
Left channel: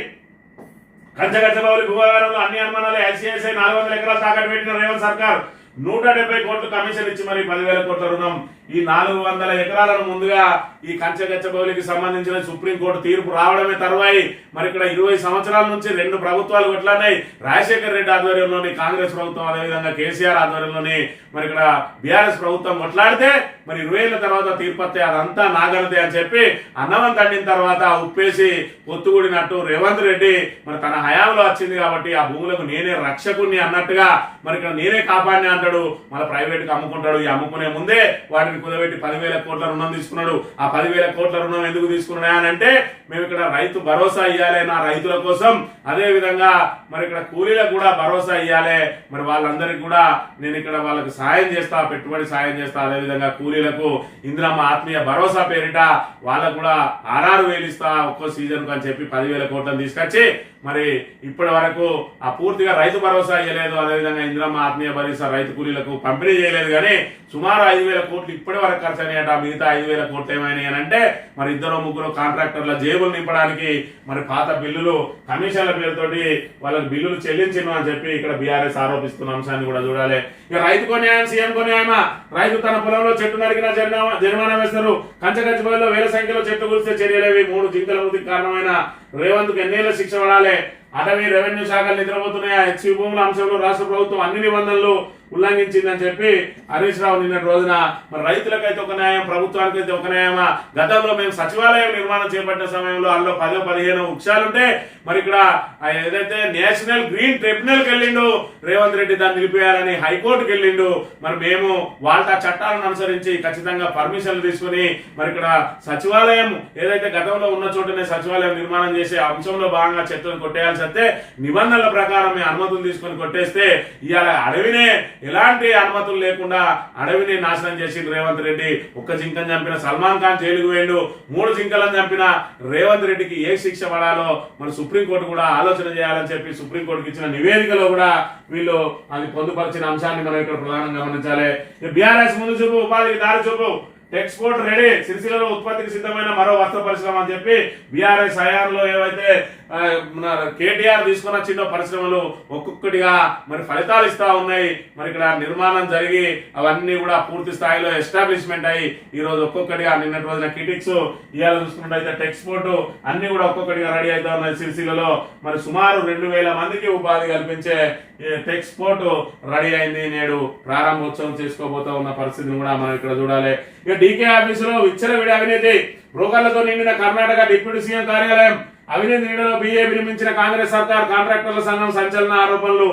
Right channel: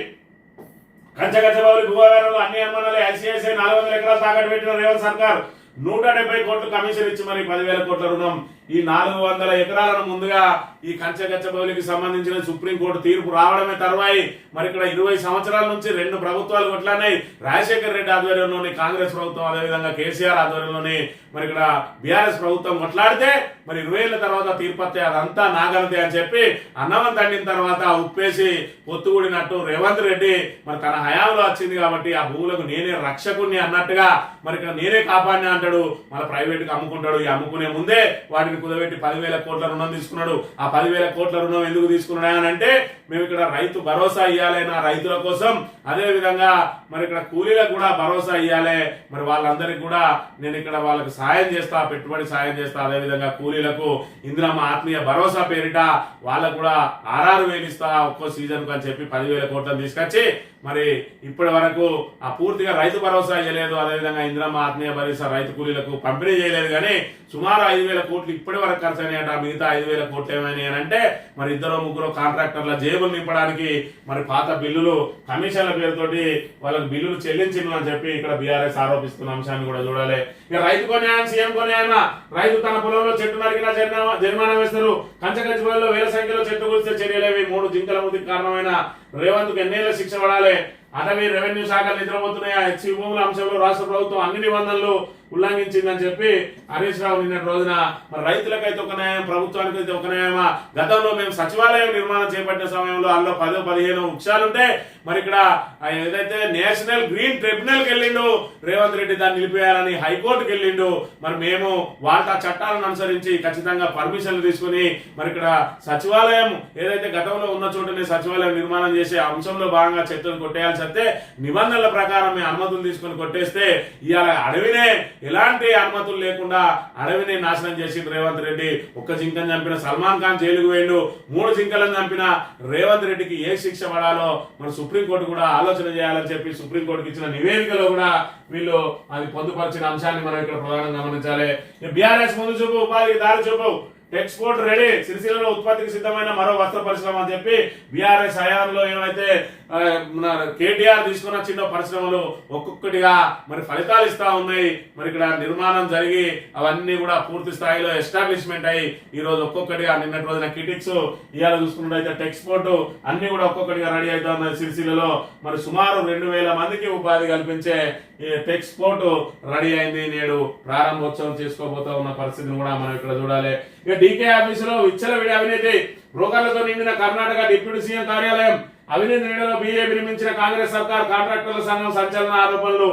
కంచగచ్చబౌలి భూవ్యవహారంలో అన్ని అనుమానాలు. ఐసిఐసిఐ నాలుగు వందల ఎకరాలు తాకట్టు పెట్టిన రేవంత్ సర్కార్. నూట డెబ్బై కోట్లు కమిషన్ ఇచ్చి మరి పదివేల కోట్ల రుణం. ఈ నాలుగు వందల ఎకరాలను ముందుగా ఈ కంచగచ్చబౌలికి సంబంధించిన సుప్రీంకోర్టు తీర్పు రావడమే తర్వాయి. మరి ఇక్కడ ఇరవై సంవత్సరాల నుంచి రెండు ప్రభుత్వాలు కొట్లాన్నాయి రాజశేఖర్ రెడ్డి ఆధ్వర్యంలోని కాంగ్రెస్ ప్రభుత్వం అదేవిధంగా కేసీఆర్ ఆధ్వర్యంలోని మరి ఇక్కడ బీఆర్ఎస్ ప్రభుత్వం కొట్లాడితే మరి ఇరవై ఏళ్ళ తర్వాత తీర్పు వస్తే అదంతా నాగలదే అని చెప్పి అన్నవం తండిన తర్వాత ఉప్పేసి పొత్తుగూడినట్టు రేవంత్ రెడ్డి మరి తన హయాంలో వచ్చింది కాబట్టి ఆ భూములకు నేనే రక్షకుణ్ణి అన్నట్టుగా మరి ఇక్కడ నేనే కాపాడిని అంటాడు మన ప్రైవేట్కి అమ్ముకుంటాడు. ఈ అమ్ముకునే ముందే వాటిని కుదబెట్టి పదివేల కోట్ల రుణం తీసుకున్నాడు. ఆ పదివేల కోట్ల రుణం ఎందుకు తీసుకున్నాడా అని అంటే మేము ఇక్కడ రైతు భరోసా ఇవ్వాలి నా రైతుల కోసం. అదే విధంగా మరి ఇక్కడ కూలీలకు కూడా భరోసా ఇవ్వాలి మరి వాళ్ళందరికీ కూడా నేను ఇక్కడ వాళ్ళకి సాయం చేస్తా పెట్టుబడి సాయం చేస్తా. అదే విధంగా కూలీలకు ఇందిరమ్మ ఆత్మీయ భరోసా పేరిట వాళ్ళకు కూడా ఆరారు వేలు ఇస్తా ఒక్కో సీజన్కు అని చెప్పి పదివేల కోట్లను తీసుకొచ్చి మరి ఇప్పటి వరకు ఆ పూర్తిగా రైతు భరోసా ఇవ్వలేదు అదేవిధంగా ఇంద్రమ్మ ఆత్మీయ భరోసా రైతు కూలీలకు పంపిణీ చేయలేదు కానీ సుమారు ఐదు వేల కోట్లు ఇప్పటి వరకు ఖర్చు అయినాయట. మిగతా ఐదు వేల కోట్లు ఏమైనాయి అంటే మరి ఇద్దరు ముగ్గురు కాంట్రాక్టర్ల జేబులు నింపడానికి మరి పాత బిల్లులు కమిషన్ల పేరుతోటి వాళ్ళకి బిల్లులు చెల్లించను అని చెప్పి ఇక్కడ బీఆర్ఎస్ ఆరోపిస్తున్న అంశాన్ని కూడా చూడాలి. ఇక రైతు కొనేయం సీఎం కొనేయమా రైతు తన పొలంలో చెట్టు నరికినా జరిమానా జరిమానా వేస్తారు. కంచగచ్చిపోయిలో వేల సంఖ్యలో చెట్టు కూర్చే చర్యలేవి. మూడు జింకల మృతికి కారణమైన రేవంత్కు ఎన్నేళ్ళ శిక్ష పడాలి. అటవీ రెవెన్యూ శాఖలు నిద్రపోతున్నాయా? హెచ్సి భూముల అంశంలో రాష్ట్ర ప్రభుత్వం అన్ని నిబంధనలు ఉల్లంఘించిందని చెప్పి హరీష్ రావు నిన్న రోజున మరి రైతులకైతే ఒక న్యాయం ప్రభుత్వానికైతే ఒక న్యాయమా? గతంలో మేము సచివాలయం నిర్మాణం చేపట్టిన సమయంలో అందులో పదో పదిహేను వృక్షాలుంటే మరి ఇక్కడ ఏదైతే నేషనల్ గ్రీన్ ట్రిబ్యునల్కి వెళ్ళిండు రేవంత్ రెడ్డి దాన్ని నిలిపేయాలని హైకోర్టుకి వెళ్ళిండు మరి మేము వాళ్ళ చట్టాలను అనుసరించి ఖచ్చితంగా పర్మిషన్లు తీసుకుని మరి ఇక్కడ సచివాలయం ఏదైతే గతంలో ఉన్న చోటనే సచివాలయం నిర్మాణం చేసే అంశంలో భాగంగా చెట్లను కొట్టేయాల్సి వస్తే నిబంధనల ప్రకారం మేము అనుమతులు తీసుకొని కొట్టేస్తే ఇవాళ అడవినే ఎలాంటి అనుమతులు లేకుండా అడవిని నాశనం చేసి రేవంత్ రెడ్డి ఒక్క జింకను చంపిన సల్మాన్ ఖాన్ జైలుకు వేయండు మూడు జింకలను చంపిన రేవంత్ రెడ్డికి ఏ శిక్ష పడాలో మన సుప్రీంకోర్టు కూడా ఆలోచన చేయాలని చెప్పి సుప్రీంకోర్టుకి ఇచ్చిన నివేదికలో కూడా వీళ్ళు అది పొందుపరిచిన అంశాన్ని మనం ఇక్కడ ప్రధానంగా గమనించాలి. బీఆర్ఎస్ ముందు చూపు ఉపాధికి దారి చూపు. ఎక్స్పోర్ట్ రెడీ సిరిసిల్లలో ఉత్పత్తికి సిద్ధమైన మరో వస్త్ర పరిశ్రమ అని చెప్పి బీఆర్ఎస్ హయాంలో ఏవైతే కేటీఆర్ తీసుకున్న చిన్న పరిశ్రమలు ఒక్కొక్కటిగా మరి ఫలితాలు ఇస్తా ఉన్నాయి. మరి ఇక్కడ నిర్మాణం జరిగి అవన్నీ కూడా పూర్తి స్థాయిలో ఎస్టాబ్లిష్మెంట్ అయ్యి ఈ రోజు ఒక్కొక్కటిగా నిన్నటి రోజున కిటిక్స్ ఇవాళ చూసుకున్నట్టయితే టెక్స్పోర్ట్ అన్ని కూడా ఒక్కొక్కటిగా రెడీ అవుతా ఉన్నాయి సిరిసిల్లలో. మరి సుమారు రెండు వేల మందికి ఉపాధి కల్పించే టెక్స్పోర్ట్ రెడీ అయింది నేడు ప్రారంభోత్సవం చేసుకోబోతా ఉన్న పరిస్థితిని కూడా మనం ఇక్కడ చూడాలి. ఇక డీకే ఆఫీసులో విచ్చలవిడి అవినీతి. బ్రోకర్లతో నిండిన కర్ణాటక డిప్యూటీ సీఎం కార్యాలయం అవినీతి నీడలో బీజేపీ నిర్మించిన కాంగ్రెస్ సర్కార్ కాంట్రాక్టర్ల సంఘం సంచలన ఆరోపణలు.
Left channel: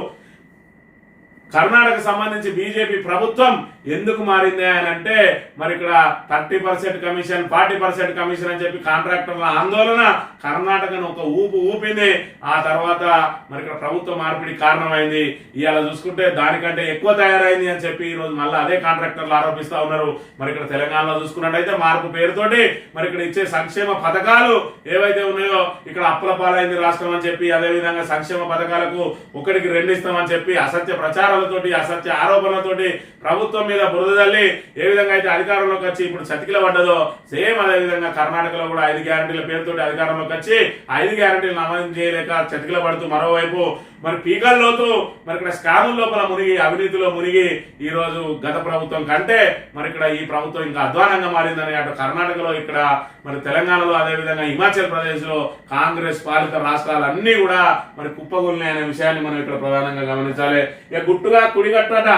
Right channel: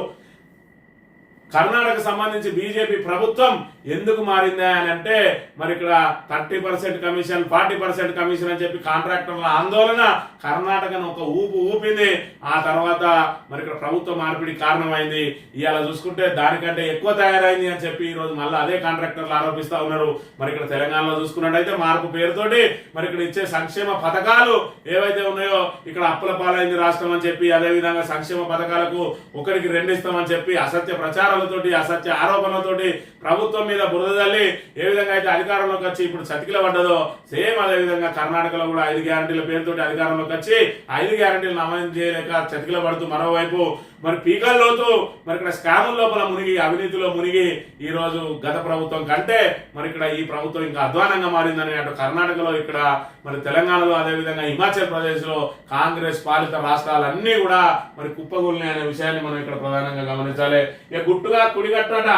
కర్ణాటక సంబంధించి బీజేపీ ప్రభుత్వం ఎందుకు మారింది అని అంటే మరి ఇక్కడ thirty percent commission forty percent commission అని చెప్పి కాంట్రాక్టర్ల ఆందోళన కర్ణాటకను ఒక ఊపు ఊపింది. ఆ తర్వాత మరి ఇక్కడ ప్రభుత్వ మార్పిడి కారణమైంది. ఇవాళ చూసుకుంటే దానికంటే ఎక్కువ తయారైంది అని చెప్పి ఈ రోజు మళ్ళీ అదే కాంట్రాక్టర్లు ఆరోపిస్తా ఉన్నారు. మరి ఇక్కడ తెలంగాణలో చూసుకున్నట్టయితే మార్పు పేరుతోటి మరి ఇక్కడ ఇచ్చే సంక్షేమ పథకాలు ఏవైతే ఉన్నాయో ఇక్కడ అప్పుల పాలైంది రాష్ట్రం అని చెప్పి అదే విధంగా సంక్షేమ పథకాలకు ఒకరికి రెండు ఇస్తామని చెప్పి అసత్య ప్రచారాలతోటి అసత్య ఆరోపణలతోటి ప్రభుత్వం మీద బురద తల్లి ఏ విధంగా అయితే అధికారంలోకి వచ్చి ఇప్పుడు చతికిల పడ్డదో సేమ్ అదే విధంగా కర్ణాటకలో కూడా ఐదు గ్యారంటీల పేరుతోటి అధికారంలోకి వచ్చి ఐదు గ్యారంటీలు అమలు చేయలేక చతికిల పడుతూ మరోవైపు మరి పీకల్లోతూ మరి ఇక్కడ స్కాముల లోపల మునిగి అవినీతిలో మునిగి ఈ రోజు గత ప్రభుత్వం కంటే మరి ఇక్కడ ఈ ప్రభుత్వం ఇంకా అధ్వానంగా మారిందని అటు కర్ణాటకలో ఇక్కడ మరి తెలంగాణలో అదే విధంగా హిమాచల్ ప్రదేశ్లో కాంగ్రెస్ పాలిత రాష్ట్రాలన్నీ కూడా మరి కుప్పగొల్ని అనే విషయాన్ని మనం ఇక్కడ ప్రధానంగా గమనించాలి. ఇక గుట్టుగా కుడిగట్టట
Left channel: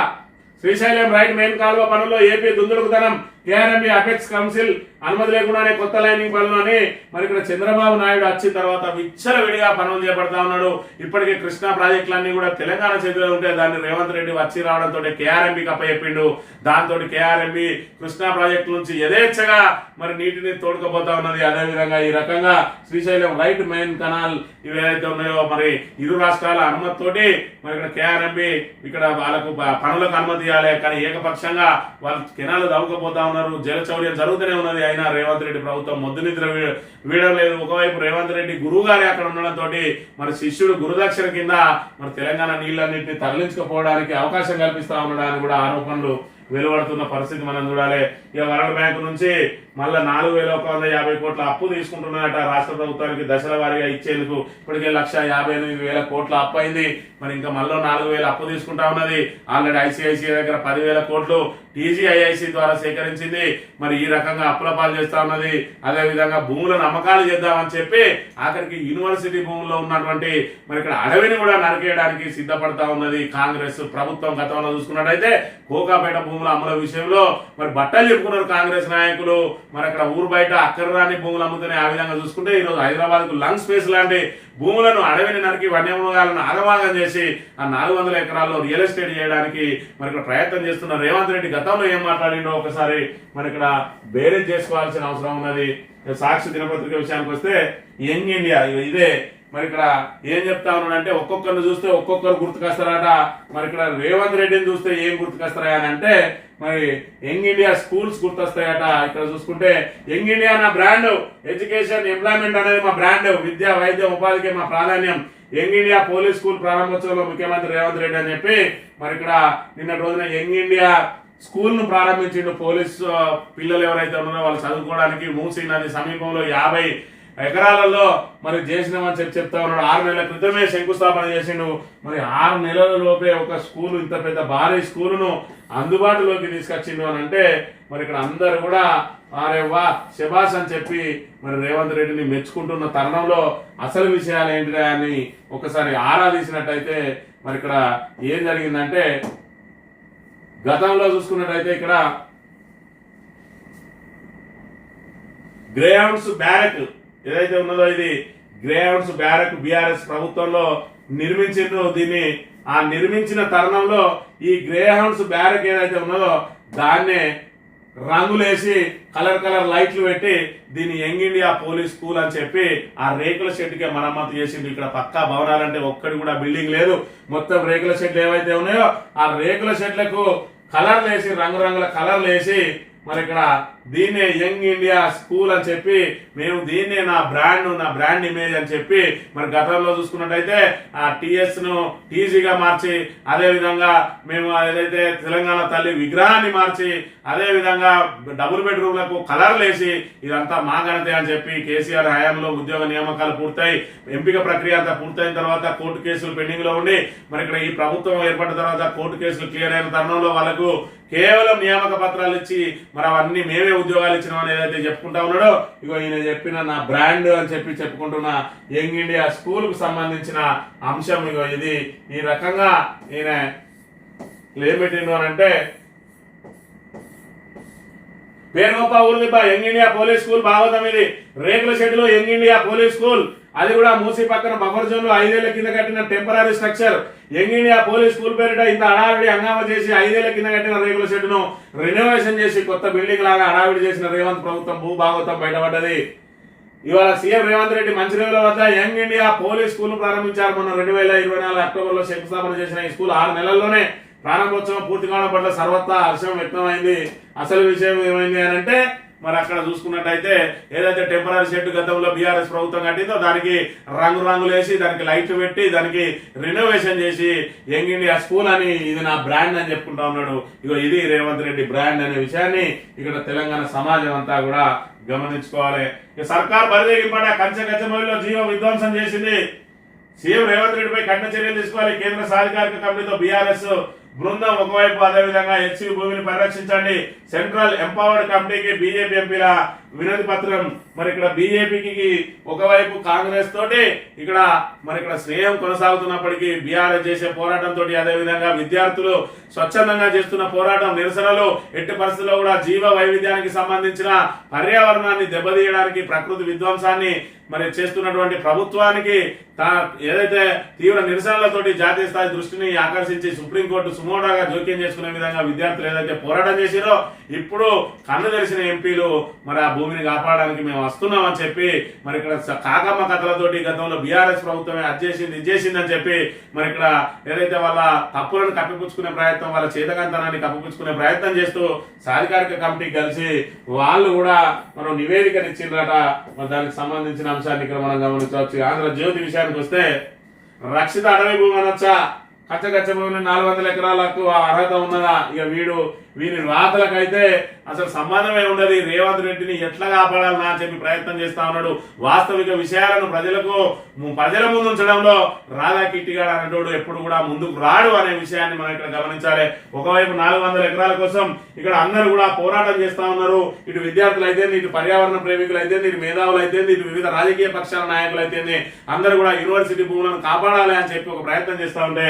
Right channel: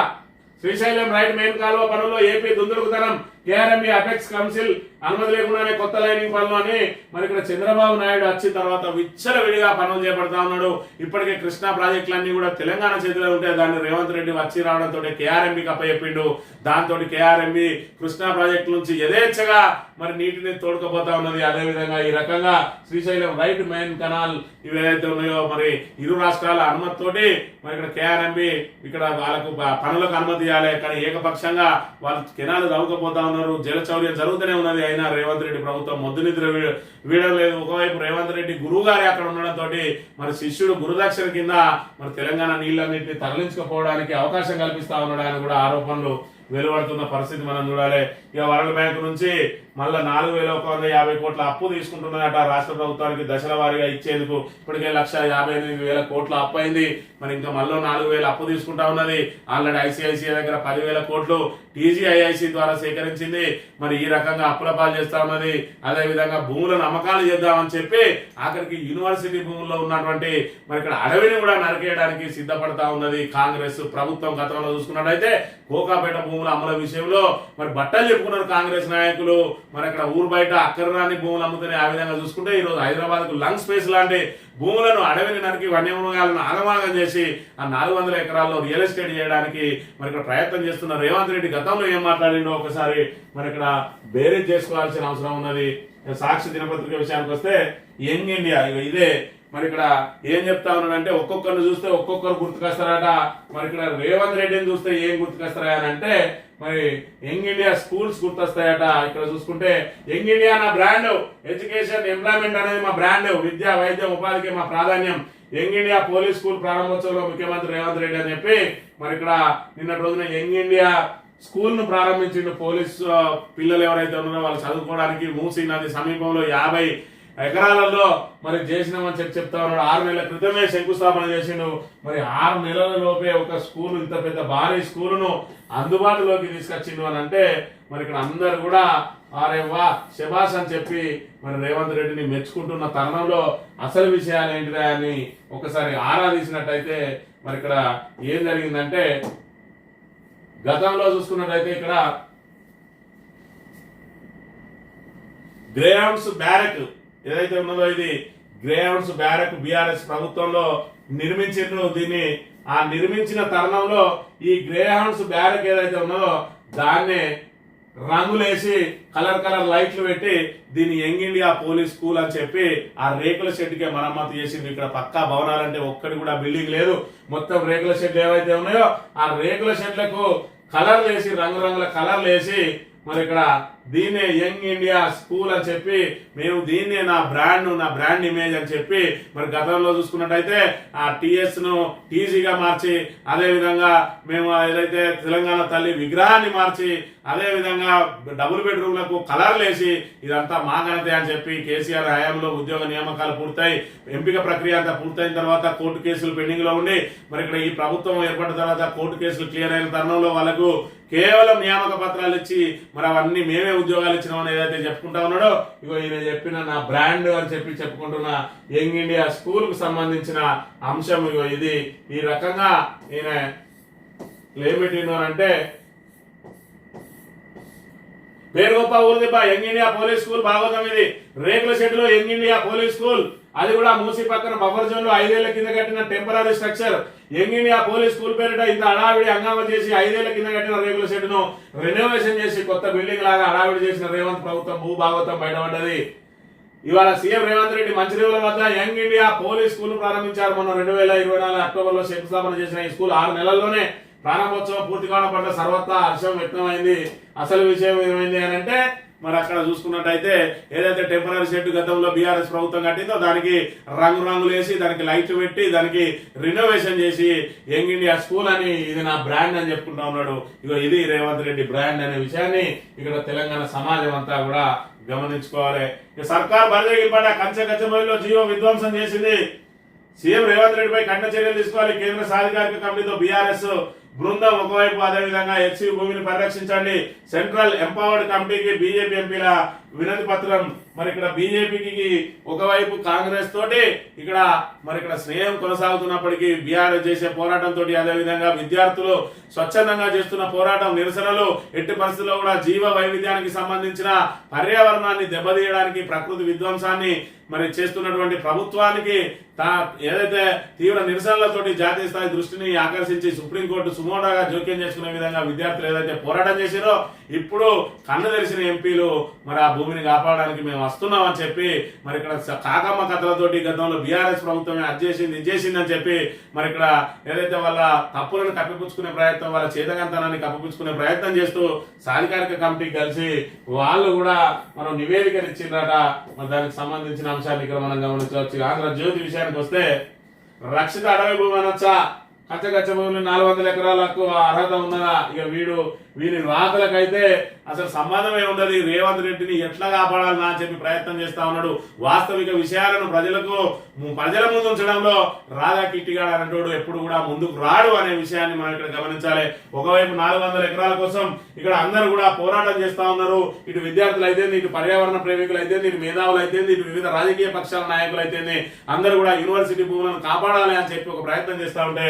శ్రీశైలం రైట్ మెయిన్ కాలువ పనుల్లో ఏపీ దుందుడుకుతనం. కేఆర్ఎంఈ అపెక్స్ కౌన్సిల్ అనుమతి లేకుండానే కొత్త లైనింగ్ పనులు అని మరి ఇక్కడ చంద్రబాబు నాయుడు వచ్చిన తర్వాత విచ్చల విడిగా పనులు చేపడతా ఉన్నాడు. ఇప్పటికే కృష్ణా ప్రాజెక్టులన్నీ కూడా తెలంగాణ చేతిలో ఉంటే దాన్ని రేవంత్ రెడ్డి వచ్చి రావడంతో కేఆర్ఎంబికి అప్పచెప్పిండు దాంతో కేఆర్ఎంబి కృష్ణా ప్రాజెక్టు నుంచి యథేచ్ఛగా మరి నీటిని తోడుకపోతా ఉన్నది. అదే విధంగా ఈ రకంగా శ్రీశైలం రైట్ మెయిన్ కెనాల్ ఇవి ఏదైతే ఉన్నాయో మరి ఇరు రాష్ట్రాల అనుమతితోటి మరి ఇక్కడ కేఆర్ఎంబి ఇక్కడ వాళ్ళకు పనులకు అనుమతి ఇవ్వాలి. కానీ ఏకపక్షంగా వాళ్ళు కెనాలు తవ్వుకపోతా ఉన్నారు జలచౌర్యం జరుగుతూనే ఉన్నది. అయినా రేవంత్ రెడ్డి ప్రభుత్వం మొద్దు నిద్ర వీడలేదు. ఒకవైపు రేవంత్ రెడ్డి గురువు గారి అక్కడ ఉండడంతో మరి శిష్యుడు గురుదక్షిణ కింద మరి తెలంగాణ నీళ్ళన్నింటినీ తరలించుకోపోవడానికి అవకాశం కల్పిస్తా ఉన్నాడని కూడా ఆరోపణలు వెలువడుతున్న పరిస్థితి మనం చూడాలి. ఇక వరల్డ్ బ్యాంక్ నుంచి మళ్ళీ నాలుగు వేల ఒక వంద యాభై కోట్ల అప్పు తీసుకుంటున్నారట రాష్ట్ర ప్రభుత్వానికి దశల వారీగా ఇచ్చేందుకు. ఇప్పటికే లక్ష యాభై ఎనిమిది వేల కోట్ల అప్పు అయింది. మరి ఇంకా మళ్ళీ నాలుగు వేల అప్పు తీసుకుంటా ఉన్నది. ఆల్రెడీ ఐసిఐసిఐ దగ్గర పదివేల కోట్లు టీజీఐఐసి ద్వారా సేకరించింది. మరి ఈ రకంగా అప్పుల పాలు చేస్తా ఉన్నది. అదేవిధంగా భూములను అమ్మకాలు చేద్దామని చెప్పి ఆఖరికి యూనివర్సిటీ భూముల్లో ఉన్నటువంటి మరి ఇక్కడ అడవిని కూడా నరికేయడానికి సిద్ధపడతా ఉన్నది కాంగ్రెస్ ప్రభుత్వం గతంలో చూసుకున్నట్టయితే కోకాపేట భూముల అమల విషయంలో మరి బట్టలు చెప్పుకున్నారు కాంగ్రెస్ నాయకులు. మరి అక్కడ ఊరు బయట అక్కర్రాని భూములు అమ్ముతున్నాయి ఆ విధంగా చూసుకుంటే ఈ రోజు లంగ్ స్పేస్ లాంటి భూములను అడవిని నరికి వన్యమృగాలను ఆగమాగం చేసి ఆ నాలుగు వందల ఎకరాల్లో రియల్ ఎస్టేట్ చేయడానికి మరి ఇక్కడ ప్రయత్నం చేస్తున్న రేవంత్ రెడ్డి గతంలో ఏం మాట్లాడిండో ఒకసారి మరి ఇక్కడ బేరేజ్ చేసుకోవాల్సిన అవసరం ఉన్నది. సాక్షి దినపత్రిక విషయానికి వస్తే యంగ్ ఇండియా ఇదే. మరి ఇక్కడ ఏం చెప్తా ఉన్నాడంటే ఒక్కొక్కరిని చూస్తే ఒక్కొక్కరు గుర్తుకొస్తారట. మరి ఇక్కడ రేవంత్ రెడ్డిని చూస్తే ఏం గుర్తుకొస్తారా అని అంటే మరి యంగ్ ఇండియా స్కూల్స్ గుర్తొస్తాయట. ఇక్కడ చూసుకుంటే యంగ్ ఇండియా నా బ్రాండ్. ఎడ్యుకేషన్ ఎంప్లాయ్మెంట్ అనేది మా బ్రాండ్. విద్య వైద్యం ఉపాధికి మా ప్రాధాన్యం. యంగ్ ఇండియా పోలీస్ స్కూల్ ప్రారంభోత్సవంలో ముఖ్యమంత్రి రేవంత్ రెడ్డి అని చెప్పి మరి ఇక్కడ నిన్నటి రోజున యంగ్ ఇండియా స్కూల్ను ప్రారంభించిండు పోలీస్ పిల్లలు ఎవరైతే ఉన్నారో వాళ్ళు చదువుకోవడానికి మూసీ నది సమీపంలో యాభై ఎకరాలలో మరి చేసినామని చెప్పి చెప్తా ఉన్నాడు. ఆరు నెలల క్రితమే శంకుస్థాపన చేసిండు. మరి ఆరు నెలల లోపే ఒక స్కూల్ ఇంత పెద్ద భారీ స్కూలును అందుబాటులోకి తీసుకొచ్చిండు అని అంటే మరి ఇక్కడ అందరు కూడా అరే వా శబాస్ అని చెప్పి మరి రేవంత్ రెడ్డిని మెచ్చుకుంటున్న తరుణంలో అసలు విషయాలు ఏంటిరా అని ఒకసారి ఆరాధించినట్టయితే మరి ఇక్కడ ఏం జరిగిందంటే గతంలో చూసుకున్నట్టయితే ఇక్కడ గ్రేహౌండ్స్ బ్యారెక్ ఏదైతే ఉన్నదో ఇది గ్రేహౌండ్స్ బ్యారక్ బీఆర్ఎస్ ప్రభుత్వంలో నిర్మించిండ్రు దీన్ని ఆ నిర్మించిన తరుణంలో ఈ గ్రేహౌండ్స్ బ్యారక్ ఏదైతే ఉన్నదో దాన్నే రంగులేసి కలర్ కలర్ లైట్లు పెట్టి దీన్ని యంగ్ ఇండియా పోలీస్ స్కూల్ అని చెప్పి ఆ రేకుల షెడ్కే మరమ్మతు చేసింది ఇక్కడ పక్కా భవనాలంటే ఒక్కడి కూడా బిల్డింగ్ లేదు. మొత్తం రేకుల షెడ్లు ఏవైతే ఉన్నాయో ఆ రేకుల షెడ్లకు కలర్లు వేసి రంగురంగుల కలర్లు వేసి మరి ఇక్కడ దీన్నే యంగ్ ఇండియా స్కూల్ అని చెప్పి మేము దీన్నే నా బ్రాండ్ నా బ్రాండ్ ఇమేజ్ అని చెప్పి మరి గతంలో చూసుకున్నట్టయితే ఆ టీఎస్ను టీజీగా మార్చి అదేవిధంగా మేము ఏదైతే తెలంగాణ తల్లి విగ్రహాన్ని మార్చి అదేవిధంగా డబుల్ బెడ్రూమ్లకు కలర్లు వేసి ఇదంతా మా ఘనతే అని చెప్పి కేసీఆర్ హయాంలో ఉద్యోగ నియామకాలు పూర్తయి ఎంపిక ప్రక్రియ అంతా పూర్తయిన తర్వాత కోర్టు కేసులు పెండింగ్లో ఉండి మరి ఇక్కడ ఈ ప్రభుత్వం ఏర్పడిన తర్వాత కోర్టు కేసులు క్లియర్ అయిన తరుణంలో వాళ్ళకు కేవలం నియామక పత్రాలు ఇచ్చి మరి అవన్నీ మేమే ఉద్యోగాలు ఇచ్చినామని ఏదైతే చెప్పుకుంటా ఉన్నాడో ఇగో ఈయన చెప్పిన నా బ్రాండ్ అని చెప్పి చెప్పుకుంటున్న యంగ్ ఇండియా స్కూల్కు సంబంధించిన అంశం ఇగో ఇది. ఈ రకంగా ఈయన ఏం పెట్టిండు అని అంటే పేరు గొప్ప యంగ్ ఇండియా పోలీస్ స్కూల్ భాగవతం ఇది. రేకుల షెడ్లో యంగ్ ఇండియా పోలీస్ స్కూల్. అది కూడా మూసి పక్కన బఫర్ జోన్లో ఐదేళ్ళ కింద కట్టిన temporary structure. Young India police school పేరిట ఇంత హడావిడి హంగామా చేసి ఐదేళ్ళ కింద కట్టిన రేకుల షెడ్డును రెనోవేషన్ చేసి కొత్త బిల్డింగ్ లాగా హడావిడి చేసిన రేవంత్ ప్రభుత్వం భూభాగవతం బయటపడ్డది. ఇవాళ సీఎం రేవంత్ రెడ్డి మంచిర్యాల వద్ద యంగ్ ఇండియా పోలీస్ స్కూల్ ప్రారంభించారు. మొన్న రెండు వేల ఇరవై నాలుగు అక్టోబర్లో శంకుస్థాపన చేసిన ఈ స్కూల్ ఆరు నెలల్లోనే ప్రారంభోత్సవం పూర్తి కావడం పట్ల సర్వత్రా హర్షం వ్యక్తమైంది. అసలు విషయం ఏమైంది అని అంటే మరి అక్కడ చూసుకున్నట్టయితే ఏదైతే టెంపరీ షెడ్ గతంలో బీఆర్ఎస్ ప్రభుత్వం కట్టిందో దానికి రంగు రంగులు వేసి దానికి లైట్ పెట్టి దానికి రినోవేషన్ చేసి యంగ్ ఇండియా స్కూల్ అని ఇది నా బ్రాండ్ అని చెప్పుకుంటా ఉన్నాడు. ఇగో ఇది రేవంత్ రెడ్డి బ్రాండ్ అనే విషయాన్ని ఇక్కడ తెలంగాణ సమాజం అంతా కూడా గమనించుకోవాలి. ఇక సర్కార్ బరిదేగింపట కంచె కచ్చమూలిలో జీవ విధ్వంసం చేసింది. సీఎం రేవంత్ రెడ్డిపై కఠిన చర్యలు తీసుకోవాలి. కేంద్ర సాధికారిక కమిటీతో బీఆర్ఎస్ బృందం ఒకవైపు అదేవిధంగా హెచ్సి భూమిని పరిరక్షించండి. సెంట్రల్ ఎంపవర్డ్ కమిటీకి బీజేపీ ఎంపీల వినతి పత్రం. మరి ఇక్కడ బీజేపీకి ఒకవైపు కాంగ్రెస్ తోటి ఇక్కడ మరి ఇక్కడ స్నేహం కొనసాగుతున్నప్పటికీ బీఆర్ఎస్ చేసే పోరాటంతో అదేవిధంగా విద్యార్థులు స్వచ్ఛందంగా చేస్తున్న పోరాటం నిరసనలు ఎట్టి పరిస్థితుల్లో కూడా జీవ వైవిధ్యానికి సంబంధించిన పర్యావరణాన్ని దెబ్బతీయడానికి ప్రకృతి విధ్వంసాన్ని మరి చేస్తున్నటువంటి ప్రభుత్వానికి తా ఏదైతే తీవ్ర నిరసనలతోటి జాతీయ స్థాయి దృష్టిని ఆకర్షించి సుప్రీంకోర్టు సుమోడాగా జోక్యం చేసుకునే విధంగా విద్యార్థులు ఏదైతే పోరాటం చేసిరో ఇప్పుడు కన్ను తెరిచిన ఎంపీలు మరి ఆ భూమిని కాపాడడానికి మేము వస్తున్నామని చెప్పి మరి ఇక్కడ కాకమ్మ కథలతోటి గతంలో బీఆర్ఎస్ ప్రభుత్వమే అది చేసింది ఇది చేసిందని చెప్పి మరి ఇక్కడ ఏదైతే వాళ్ళ తప్పులను కప్పిపుచ్చుకునే ప్రయత్నం వాళ్ళ చేతకంతనాన్ని కప్పిపుచ్చుకునే ప్రయత్నం చేస్తూ సాధికారిక కమిటీ కలిసి వాళ్ళు కూడా మనం నివేదికను ఇచ్చిండ్రట. మరి దానికి సంబంధించిన అంశాన్ని ఇక్కడ మనం గమనించవచ్చు. ఆంధ్ర జ్యోతి విషయానికి వస్తే రక్షిత అడవి భూమి అనొచ్చా? కచ్చగచ్చ భూమిని నాలుగు వందల ఎకరాలకు అర్హత ఉన్నదా? ఇక వీడు వీని రాతలకైతే అసలు సంబంధమే ఉండదు. రేవంత్ రెడ్డిని ఎట్లా కాపాడాలనా అని చెప్పి ప్రయత్నం చేస్తా ఉన్నాడు. వాస్తవిక విషయాలను ప్రజలకు ప్రజల ముందు ఉంచడంలో రాధా కిట్టిగాడు అనేటోడు ఎప్పుడు కూడా ముందుకు రాడు అనే విషయాన్ని మనం ఇక్కడ గమనించాలి. ఒకవైపు నాలుగు వందల ఎకరాల కోసం ఇక్కడ అందరూ కూడా పోరాటం చేస్తా ఉన్నారు. ఇటు విద్యార్థులు అయితే ఇటు పర్యావరణ ప్రేమికులు అయితే ఇటు మేధావులు అయితే ఇటు వివిధ రాజకీయ పక్షాల నాయకులు అయితే అందరూ కూడా యూనివర్సిటీ భూములను కాపాడాలి అని చెప్పి ఒక ప్రయత్నం చేస్తా ఉంటే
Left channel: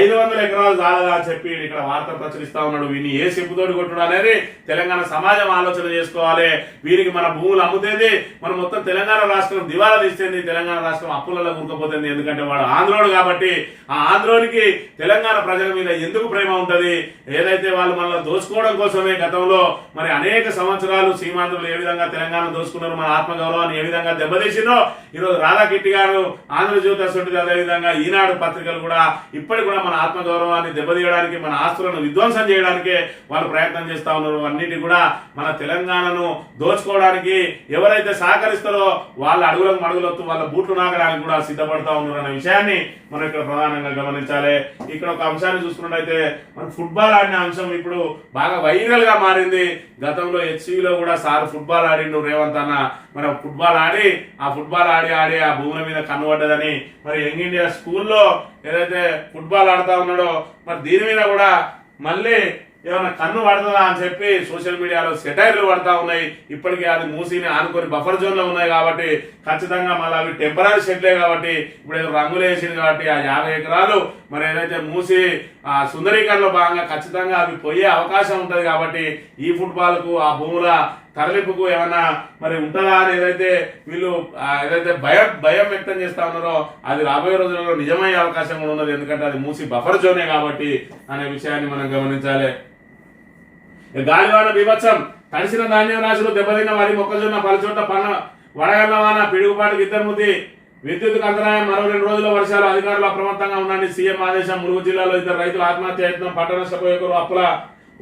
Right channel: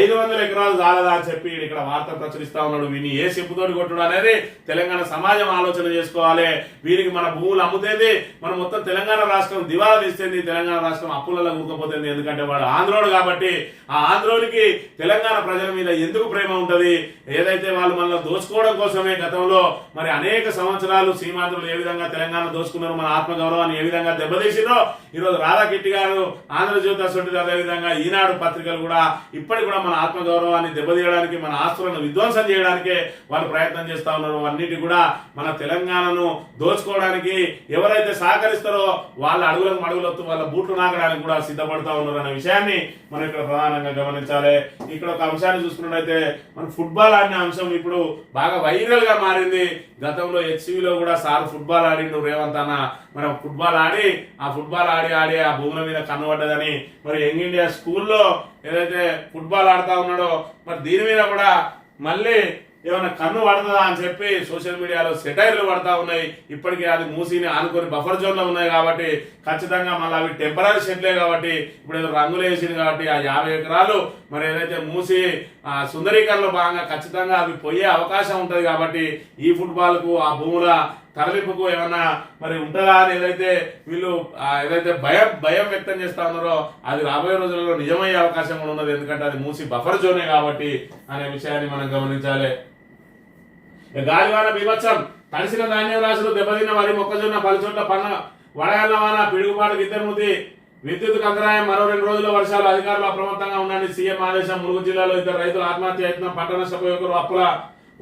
ఐదు వందల ఎకరాలు చాలదా అని చెప్పి ఇక్కడ వార్త ప్రచురిస్తా ఉన్నాడు. వీని ఏ చెప్పుతోటి కొట్టడం అనేది తెలంగాణ సమాజం ఆలోచన చేసుకోవాలి. వీరికి మన భూములు అమ్ముతుంది మన మొత్తం తెలంగాణ రాష్ట్రం దివాలా తీస్తుంది తెలంగాణ రాష్ట్రం అప్పులలో కూరుకుపోతుంది ఎందుకంటే వాడు ఆంధ్రోడు కాబట్టి ఆ ఆంధ్రోడికి తెలంగాణ ప్రజల మీద ఎందుకు ప్రేమ ఉంటుంది? ఏదైతే వాళ్ళు మనల్ని దోచుకోవడం కోసమే గతంలో మరి అనేక సంవత్సరాలు సీమాంధ్రులు ఏ విధంగా తెలంగాణ దోచుకున్నారు మన ఆత్మగౌరవాన్ని ఏ విధంగా దెబ్బతీసిందో ఈరోజు రాధాకిట్టి గారు ఆంధ్రజ్యోతి అసొంటిది అదేవిధంగా ఈనాడు పత్రికలు కూడా ఇప్పటికి కూడా మన ఆత్మగౌరవాన్ని దెబ్బతీయడానికి మన ఆస్తులను విధ్వంసం చేయడానికే వాళ్ళు ప్రయత్నం చేస్తా ఉన్నారు. అన్నిటి కూడా మన తెలంగాణను దోచుకోవడానికి ఎవరైతే సహకరిస్తారో వాళ్ళ అడుగులకు మడుగులొత్తు వాళ్ళ బూట్లు నాగడానికి కూడా సిద్ధపడతా ఉన్నారు అనే విషయాన్ని మనం ఇక్కడ ప్రధానంగా గమనించాలి. ఇక్కడ ఒక అంశాన్ని చూసుకున్నట్టయితే మన ఫుట్బాల్ ఆడిన అంశం ఇప్పుడు బాగా వైరల్గా మారింది. గతంలో హెచ్సిలో కూడా సార్ ఫుట్బాల్ ఆడిండు. రేవంత్ అన్న మరి ఫుట్బాల్ ఆడి ఆ ఫుట్బాల్ ఆడి ఆడి ఆ భూముల మీద కనబడ్డదని మరి యంగ్ ఇండియా స్కూల్లో ఏదైతే ఫుట్బాల్ ఆడుతా ఉన్నాడో మరి దీని మీద కూడా మళ్ళీ ఏమైనా కన్ను పడుతుందా అని చెప్పి సోషల్ మీడియాలో సెటైర్లు పడతా ఉన్నాయి. ఇప్పటికే అది మూసిని ఆనుకొని బఫర్ జోన్లో ఉన్నాయి కాబట్టి ఖచ్చితంగా మళ్ళీ అవి టెంపరీ షెడ్లే కాబట్టి ఇప్పుడు ఏదో రంగులు వేసింది కాబట్టి ఆ యాభై ఎకరాలు మరి ఏదైతే మూసి ఆ సుందరీకరణలో భాగంగా ఖచ్చితంగా అవి పోయే అవకాశం ఉంటుంది కాబట్టి ఈ ఫుట్బాల్కు ఆ భూముల తరలింపుకు ఏమన్నా మరి ఉంటుందా అని ఏదైతే వీళ్ళు ఏదైతే భయం భయం వ్యక్తం చేస్తా ఉన్నారో అది రాబోయే రోజులలో నిజమయ్యే అవకాశం కూడా ఉన్నది. ఎందుకంటే అది మూసి బఫర్ జోనే కాబట్టి అనే విషయాన్ని మనం గమనించాలి. గాలివాన బీభత్సం. తడిసిన ధాన్యం రాశులు దెబ్బతిన్న వరి మొక్కజొన్న పలుచోట్ల పన్న వడగల్ల వాన పిడుగుపాటు ఇద్దరుముతి విద్యుత్ అంతరాయం మరో రెండు రోజుల వర్షాలు అధికారులు అప్రమత్తంగా ఉండండి. సీఎం ఆదేశం ములుగు జిల్లాలో ఇద్దరు రైతులు ఆత్మహత్య యత్నం పంట నష్టపోయే ఒకరు అప్పుల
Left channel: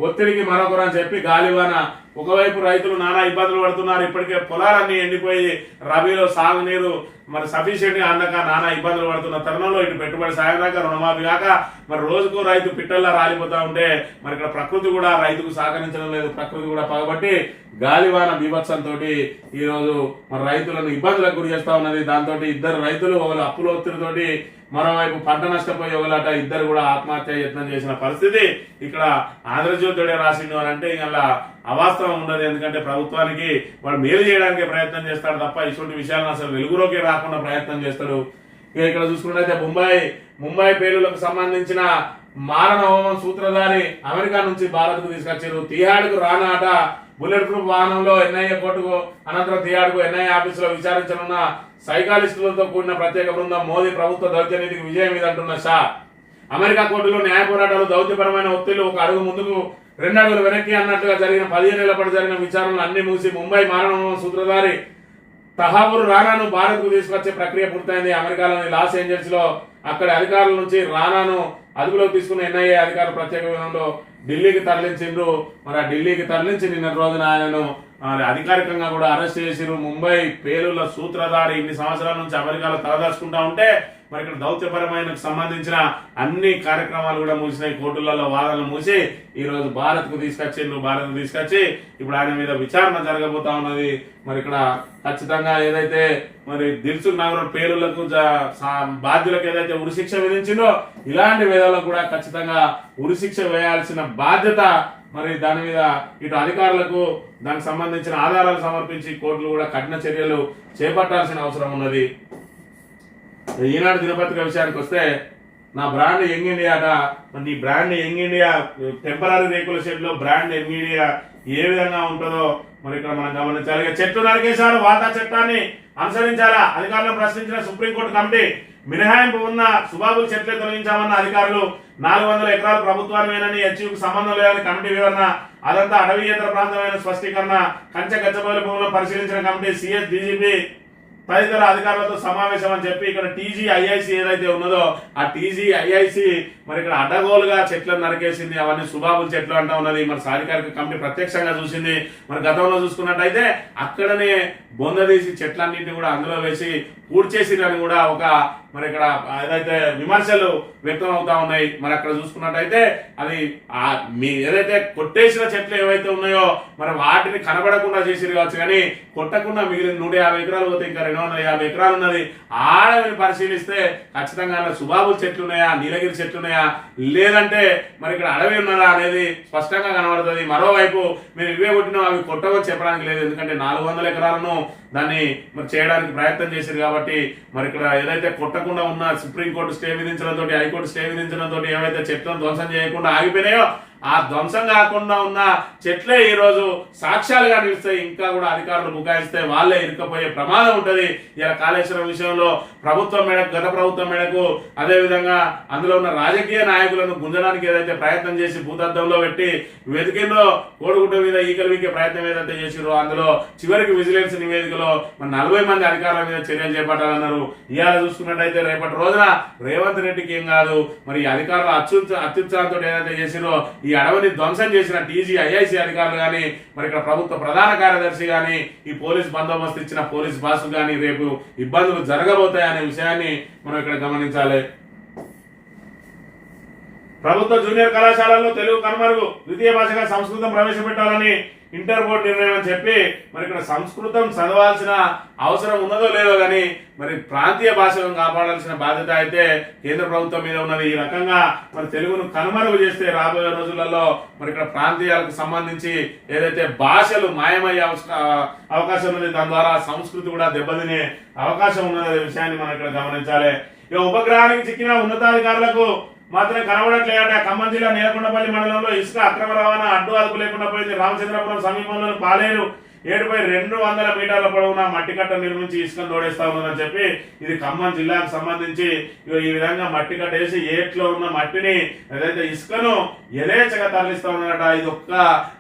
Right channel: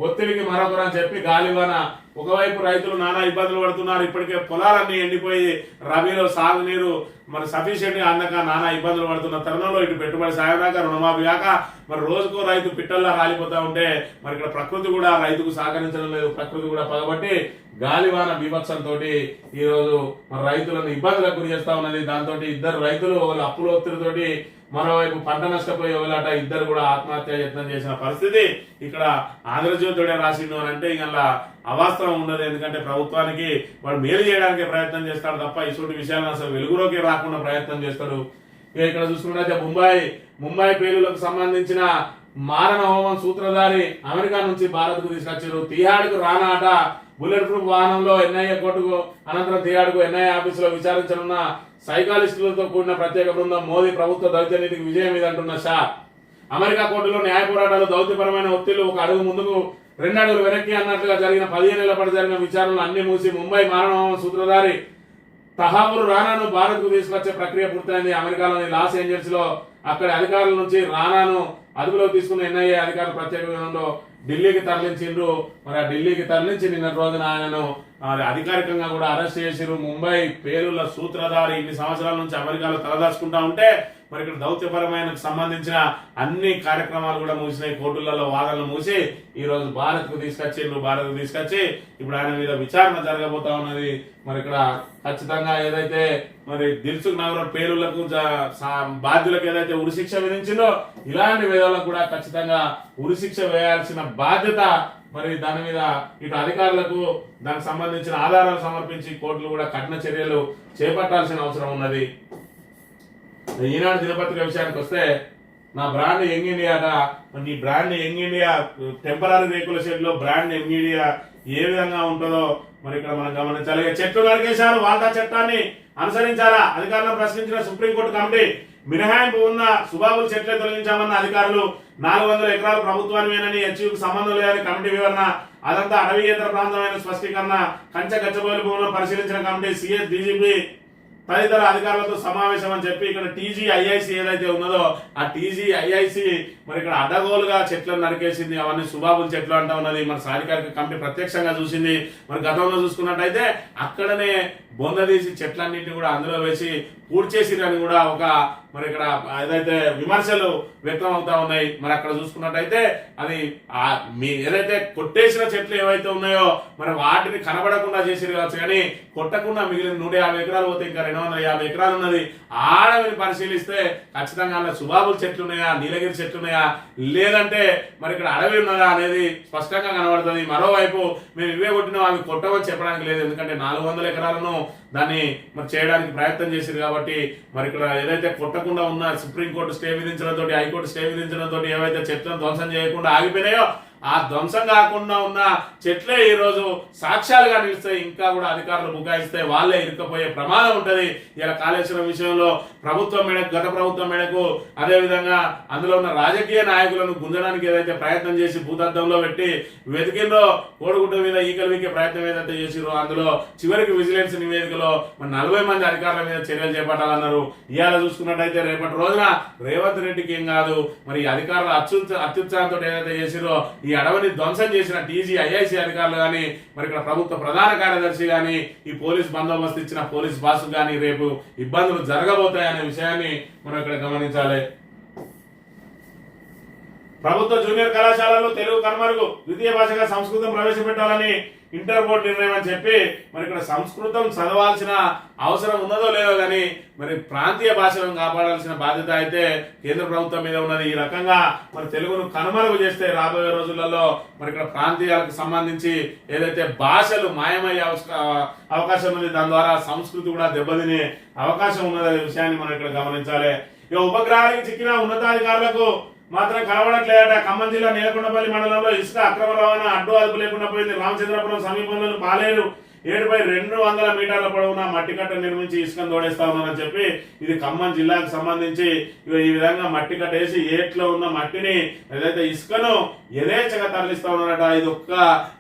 ఒత్తిడికి మరొకరు అని చెప్పి గాలివాన. ఒకవైపు రైతులు నానా ఇబ్బందులు పడుతున్నారు. ఇప్పటికే పొలాలన్నీ ఎండిపోయి రబీలో సాగునీరు మరి సఫిషియెంట్గా అందక నానా ఇబ్బందులు పడుతున్న తరుణంలో ఇటు పెట్టుబడి సాయం దాకా రుణమాఫీ కాక మరి రోజుకో రైతు పిట్టల్లా రాలిపోతా ఉంటే మరి ఇక్కడ ప్రకృతి కూడా రైతుకు సహకరించడం లేదు. ప్రకృతి కూడా పగబట్టి గాలివాన బీభత్సంతో ఈరోజు మరి రైతులను ఇబ్బందులకు గురి చేస్తా ఉన్నది. దాంతో ఇద్దరు రైతులు ఒకళ్ళు అప్పుల ఒత్తిడితోటి మరోవైపు పంట నష్టపోయి ఒకలాట ఇద్దరు కూడా ఆత్మహత్య యత్నం చేసిన పరిస్థితి ఇక్కడ ఆంధ్రజ్యోతుడే రాసిండు అని అంటే ఇక అవాస్తవం ఉండదు ఎందుకంటే ప్రభుత్వానికి వాడు మేలు చేయడానికి ప్రయత్నం చేస్తాడు తప్ప ఇటువంటి విషయాలను అసలు వెలుగులోకి రాకుండా ప్రయత్నం చేస్తాడు. ఇక ఇక్కడ చూసుకున్నట్లయితే ముంబై ముంబై పేలులకు సంబంధించిన మారణ హోమం సూత్రధారి అమెరికా నుంచి భారత్కు తీసుకొచ్చారు. తిహాడ్కు రానాట. బుల్లెట్ ప్రూఫ్ వాహనంలో ఎన్ఐఏ కోర్టుకు అనంతరం తిహాడ్కు ఎన్ఐఏ ఆఫీసులో విచారించనున్న సైకాలిస్టులతో కూడిన ప్రత్యేక బృందం మోదీ ప్రభుత్వ దౌత్యనీతికి విజయం మీద అంటున్న షా అమెరికా కోర్టులో న్యాయ పోరాటాలు దౌత్యపరమైన ఒత్తిళ్ళు ఒక అడుగు ముందుకు రెండు అడుగులు వెనక్కి అన్నట్టుగా జరిగిన పదిహేను ఏళ్ళ పాటు జరిగిన విచారణలు అన్ని మూసి ముంబై మారణ సూత్రధారి తహాబుర్ రానాను భారత్కు తీసుకొచ్చే ప్రక్రియ పూర్తయింది. అమెరికాలోని లాస్ ఏంజల్స్లో అక్కడి అధికారుల నుంచి రానాను అదుపులోకి తీసుకున్న ఎన్ఐఏ అధికారులు ప్రత్యేక విమానంలో ఢిల్లీకి తరలించిండ్రు. మరి ఆ ఢిల్లీకి తరలించి నిన్న రోజున ఆయనను మరి అధికారికంగా కూడా అరెస్ట్ చేసిరు ముంబై పేలుల సూత్రధారి ఇన్ని సంవత్సరాల నుంచి అమెరికాలో తలదాచుకుంటా ఉంటే మరి ఇక్కడ దౌత్యపరమైన సంబంధించిన అన్ని కార్యక్రమాలు కూడా మూసినాయి కోర్టులలో వాదనలు మూసి ఈరోజు భారత్కు తీసుకొచ్చి నువ్వు భారత్కు తీసుకొచ్చి ఇప్పుడు ఆయన మీద విచారణ జరగబోతా ఉన్నది. మరి ఇక్కడ ఖచ్చితంగా ఏదైతే మరి దిల్సుఖ్ నగరం పేరులకు బాధ్యులకు ఏదైతే ఉరిశిక్ష విధించిందో ఇలాంటి వేదాలకు కూడా ఖచ్చితంగా ఉరిశిక్ష వేయాల్సిన బాధ్యత మరి దాని మీద ఇటు అధికారులకు దానికి సంబంధించిన ఆధారాలు సమర్పించి కోర్టులు కూడా కఠిన చర్యలు చేపట్టాల్సిన అవసరం ఉన్నది. ఈనాడు దినపత్రిక విషయానికి వస్తే నా బ్రాండ్ యంగ్ ఇండియా నీ బ్రాండ్ యంగ్ ఇండియా టెంపరీ రేకుల షెడ్లో బ్రాండ్ యంగ్ ఇండియా ఏ విధంగా ఉంటుందో మరి ఇక్కడ మనం గమనించాలి. చెట్లు నరికేశారు వాటా చట్టాన్ని అనుసరించారా అధికారులను ప్రశ్నించిన సుప్రీంకోర్టు కమిటీ మినహాయింపు ఉన్న సుబాబులు చెట్లే తొలగించామన్న అధికారులు నాలుగు వందల ఎకరాలు ప్రభుత్వానివేనని హెచ్యూకి సంబంధం లేదని కమిటీ వివరణ అదంతా అటవీయేతర ప్రాంతమైన స్పష్టీకరణ కంచె గచ్చబోలు భూములను పరిశీలించిన కమిటీ సిఎస్ డీజీపీ తదితర అధికారులతో సమావేశం అని చెప్పి ఇక్కడ టీజీ ఐఐసి ఏదైతే ఉన్నదో ఆ టీజీ ఐఐసి మరి ఇక్కడ అడ్డగోలుగా చెట్లను నరికేసింది అవన్నీ సుబాబుల చెట్లు అంటా ఉన్నది. మరి సాధికారిక కమిటీ ప్రత్యక్షంగా చూసింది. మరి గతంలో చూసుకున్నట్టయితే అక్కడనే బొంద తీసి చెట్లన్నింటినీ కూడా అందులో వేసి పూడ్చేసిరని కూడా ఒక మరి ఇక్కడ ఏదైతే విమర్శలు వ్యక్తం అవుతా ఉన్నాయి మరి అక్కడ చూసుకున్నట్టయితే అది మీ ఏదైతే కొట్టేసిన చెట్లు ఏవైతే ఉన్నాయో మరి వాటిని కనబడకుండా చేసిరు కావచ్చు కానీ కొట్టకుండా మిగిలిన నూట యాభై ఎకరాలు పోతే ఇంకా రెండు వందల యాభై ఎకరాలు ఉన్నది. ఆడవిని పరిశీలిస్తే ఖచ్చితంగా సుబాబుల చెట్లు ఉన్నాయా నీలగిరి చెట్లు ఉన్నాయా లేదంటే మరి ఇక్కడ అడవి ఉన్నదా అనేది స్పష్టంగా కనబడుతుంది. మరోవైపు మేము ఇవే కొట్టినా అవి కొట్టవని చెప్పడానికి లేదు. ఎందుకంటే నాలుగు వందల ఎకరాలను దాన్ని మరి చేయడానికి ప్రయత్నం చేశారు కాబట్టి మరి ఇక్కడ ఏదైతే కొట్టకుండా ఉన్న సుప్రీంకోర్టు స్టే విధించడంతో హైకోర్టు స్టే విధించడంతో ఏవైతే చెట్లను ధ్వంసం చేయకుండా ఆగిపోయినాయో ఆ ధ్వంసం కాకుండా ఉన్న చెట్లే ఈ రోజు సాక్ష్యాలుగా నిలుస్తాయి. ఇంకా కూడా అధికారులు బుకాయిస్తే వాళ్ళే ఇరుక్కపోయే ప్రమాదం ఉంటది. ఇలా కాళేశ్వరం విషయంలో ప్రభుత్వం మేడకు గత ప్రభుత్వం మేడకు అదే విధంగా అందులో ఉన్న రాజకీయ నాయకులను గుంజడానికి ఏదైతే ప్రయత్నం చేసి భూతద్దంలో పెట్టి వెతికిందో కోడిగుడ్డు మీద ఈకలు వీకే ప్రయత్నం ఏదైతే చేసిరో అందులో చివరికి విజిలెన్స్ నివేదికలో మన నలభై మంది అధికారుల మీద చర్యలు చేపట్టాలన్నారు. ఇవాళ చూసుకున్నట్టయితే రేపటి రోజున రేవంత్ రెడ్డికి ఏం కాదు. మరి అధికారులు అత్యుత్స అత్యుత్సాహంతో ఏదైతే చేసిరో ఈ అడవిని ధ్వంసం చేసిన టీజీ ఐఐసి అధికారులు కానీ మరి ఇక్కడ ప్రభుత్వ ప్రధాన కార్యదర్శి కానీ ఈ పోలీస్ బందోబస్తు ఇచ్చిన పోలీస్ బాసు కానీ రేపు ఇబ్బందులు జరగబోతాయనే విషయాన్ని మనం ఇక్కడ గమనించాలి. ప్రభుత్వ జూనియర్ కళాశాలల్లో తెలుగు కనుమరుగు ద్వితీయ భాషగా సంస్కృతం ప్రవేశపెట్టాలని ఇంటర్ బోర్డు నిర్ణయం అని చెప్పి మరి ఇక్కడ సంస్కృతం చదవాల్సిన అవసరం ఉన్నదో లేదో కానీ మరి ప్రాంతీయ భాషలను కాపాడాల్సిన బాధ్యత అయితే కేంద్ర ప్రభుత్వం మీద ఉన్నది. ఈ రకంగా మరి తెలుగును కనుమరుగు చేస్తే రాబోయే రోజులలో మరి ఇక్కడ ప్రాంతీయాలకు సంబంధించి ఏదైతే భాషలు మాయమయ్యే అవకాశం ఉంది దాని ద్వారా సంస్కృతి కూడా దెబ్బతినే అవకాశం ఉన్నది విషయాన్ని మనం ఇక్కడ గమనించాలి. ఇక ఉపగ్రహానికి చిక్కిన ఉన్నతాధికారులకు మాత్రం కనబడట్లేదట. ఖమ్మం జిల్లా నేలకొండపల్లి మండలంలో ఇసుక అక్రమ రవాణా అడ్డు అదుపు లేకుండా పోయింది. రామచంద్రపురం సమీపంలోని పాలేరు ఏడుపై రెండు వందల మీటర్ల పొడవున మట్టి కట్ట నిర్మించి ఇసుకను తోడేస్తా ఉన్నారని చెప్పి ఇది ఖమ్మం జిల్లాకు సంబంధించి ఈ విధంగా మట్టి కట్ట వేసి ఏట్లో ఉన్న మట్టిని ఏదైతే ఇసుకను యథేచ్ఛగా తరలిస్తా ఉన్నారట ఇది ఒక్క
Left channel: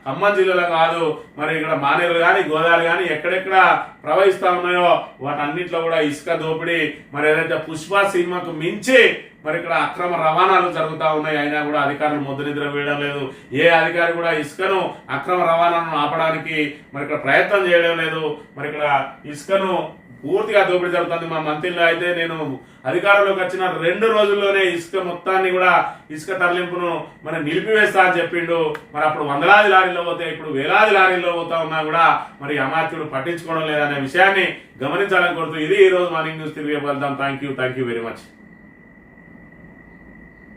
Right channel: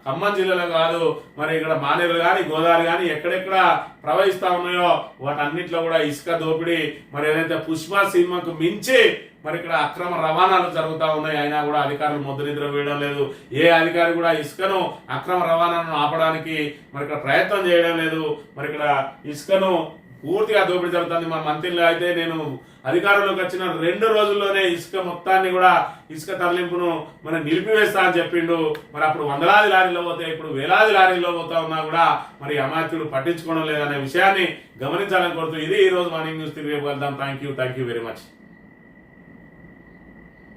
ఖమ్మం జిల్లాలో కాదు మరి ఇక్కడ మానేరు కానీ గోదావరి కానీ ఎక్కడెక్కడ ప్రవహిస్తా ఉన్నాయో వాటన్నిట్లో కూడా ఇసుక దోపిడీ మరి ఏదైతే పుష్ప సినిమాకు మించి మరి ఇక్కడ అక్రమ రవాణాలు జరుగుతూ ఉన్నాయి. అయినా కూడా అధికారులు ముద్ర నిద్ర వేయడం లేదు. ఏ అధికారి కూడా ఇసుకను అక్రమ రవాణాను ఆపడానికి మరి ఇక్కడ ప్రయత్నం చేయడం లేదు. మరి ఇక్కడ ఇసుకను పూర్తిగా దోపిడీ జరుగుతుంది. మా మంత్రిలో అయితే నేను అధికారంలోకి వచ్చిన రెండు రోజుల్లోనే ఇసుక మొత్తాన్ని కూడా ఇసుక తరలింపును మనం నిలిపివేస్తా అని చెప్పిండు. మరి అప్పుడు వందలాది లారీలో పోతే ఇప్పుడు వేలాది లారీల్లో పోతా ఉన్నా కూడా మరి అమాత్యుడు పట్టించుకోవడం లేదనే విషయాన్ని గమనించాలని కోరుతూ ఇది ఈ రోజు మార్నింగ్ న్యూస్ తిరిగి వెళ్దాం. Thank you thank you very much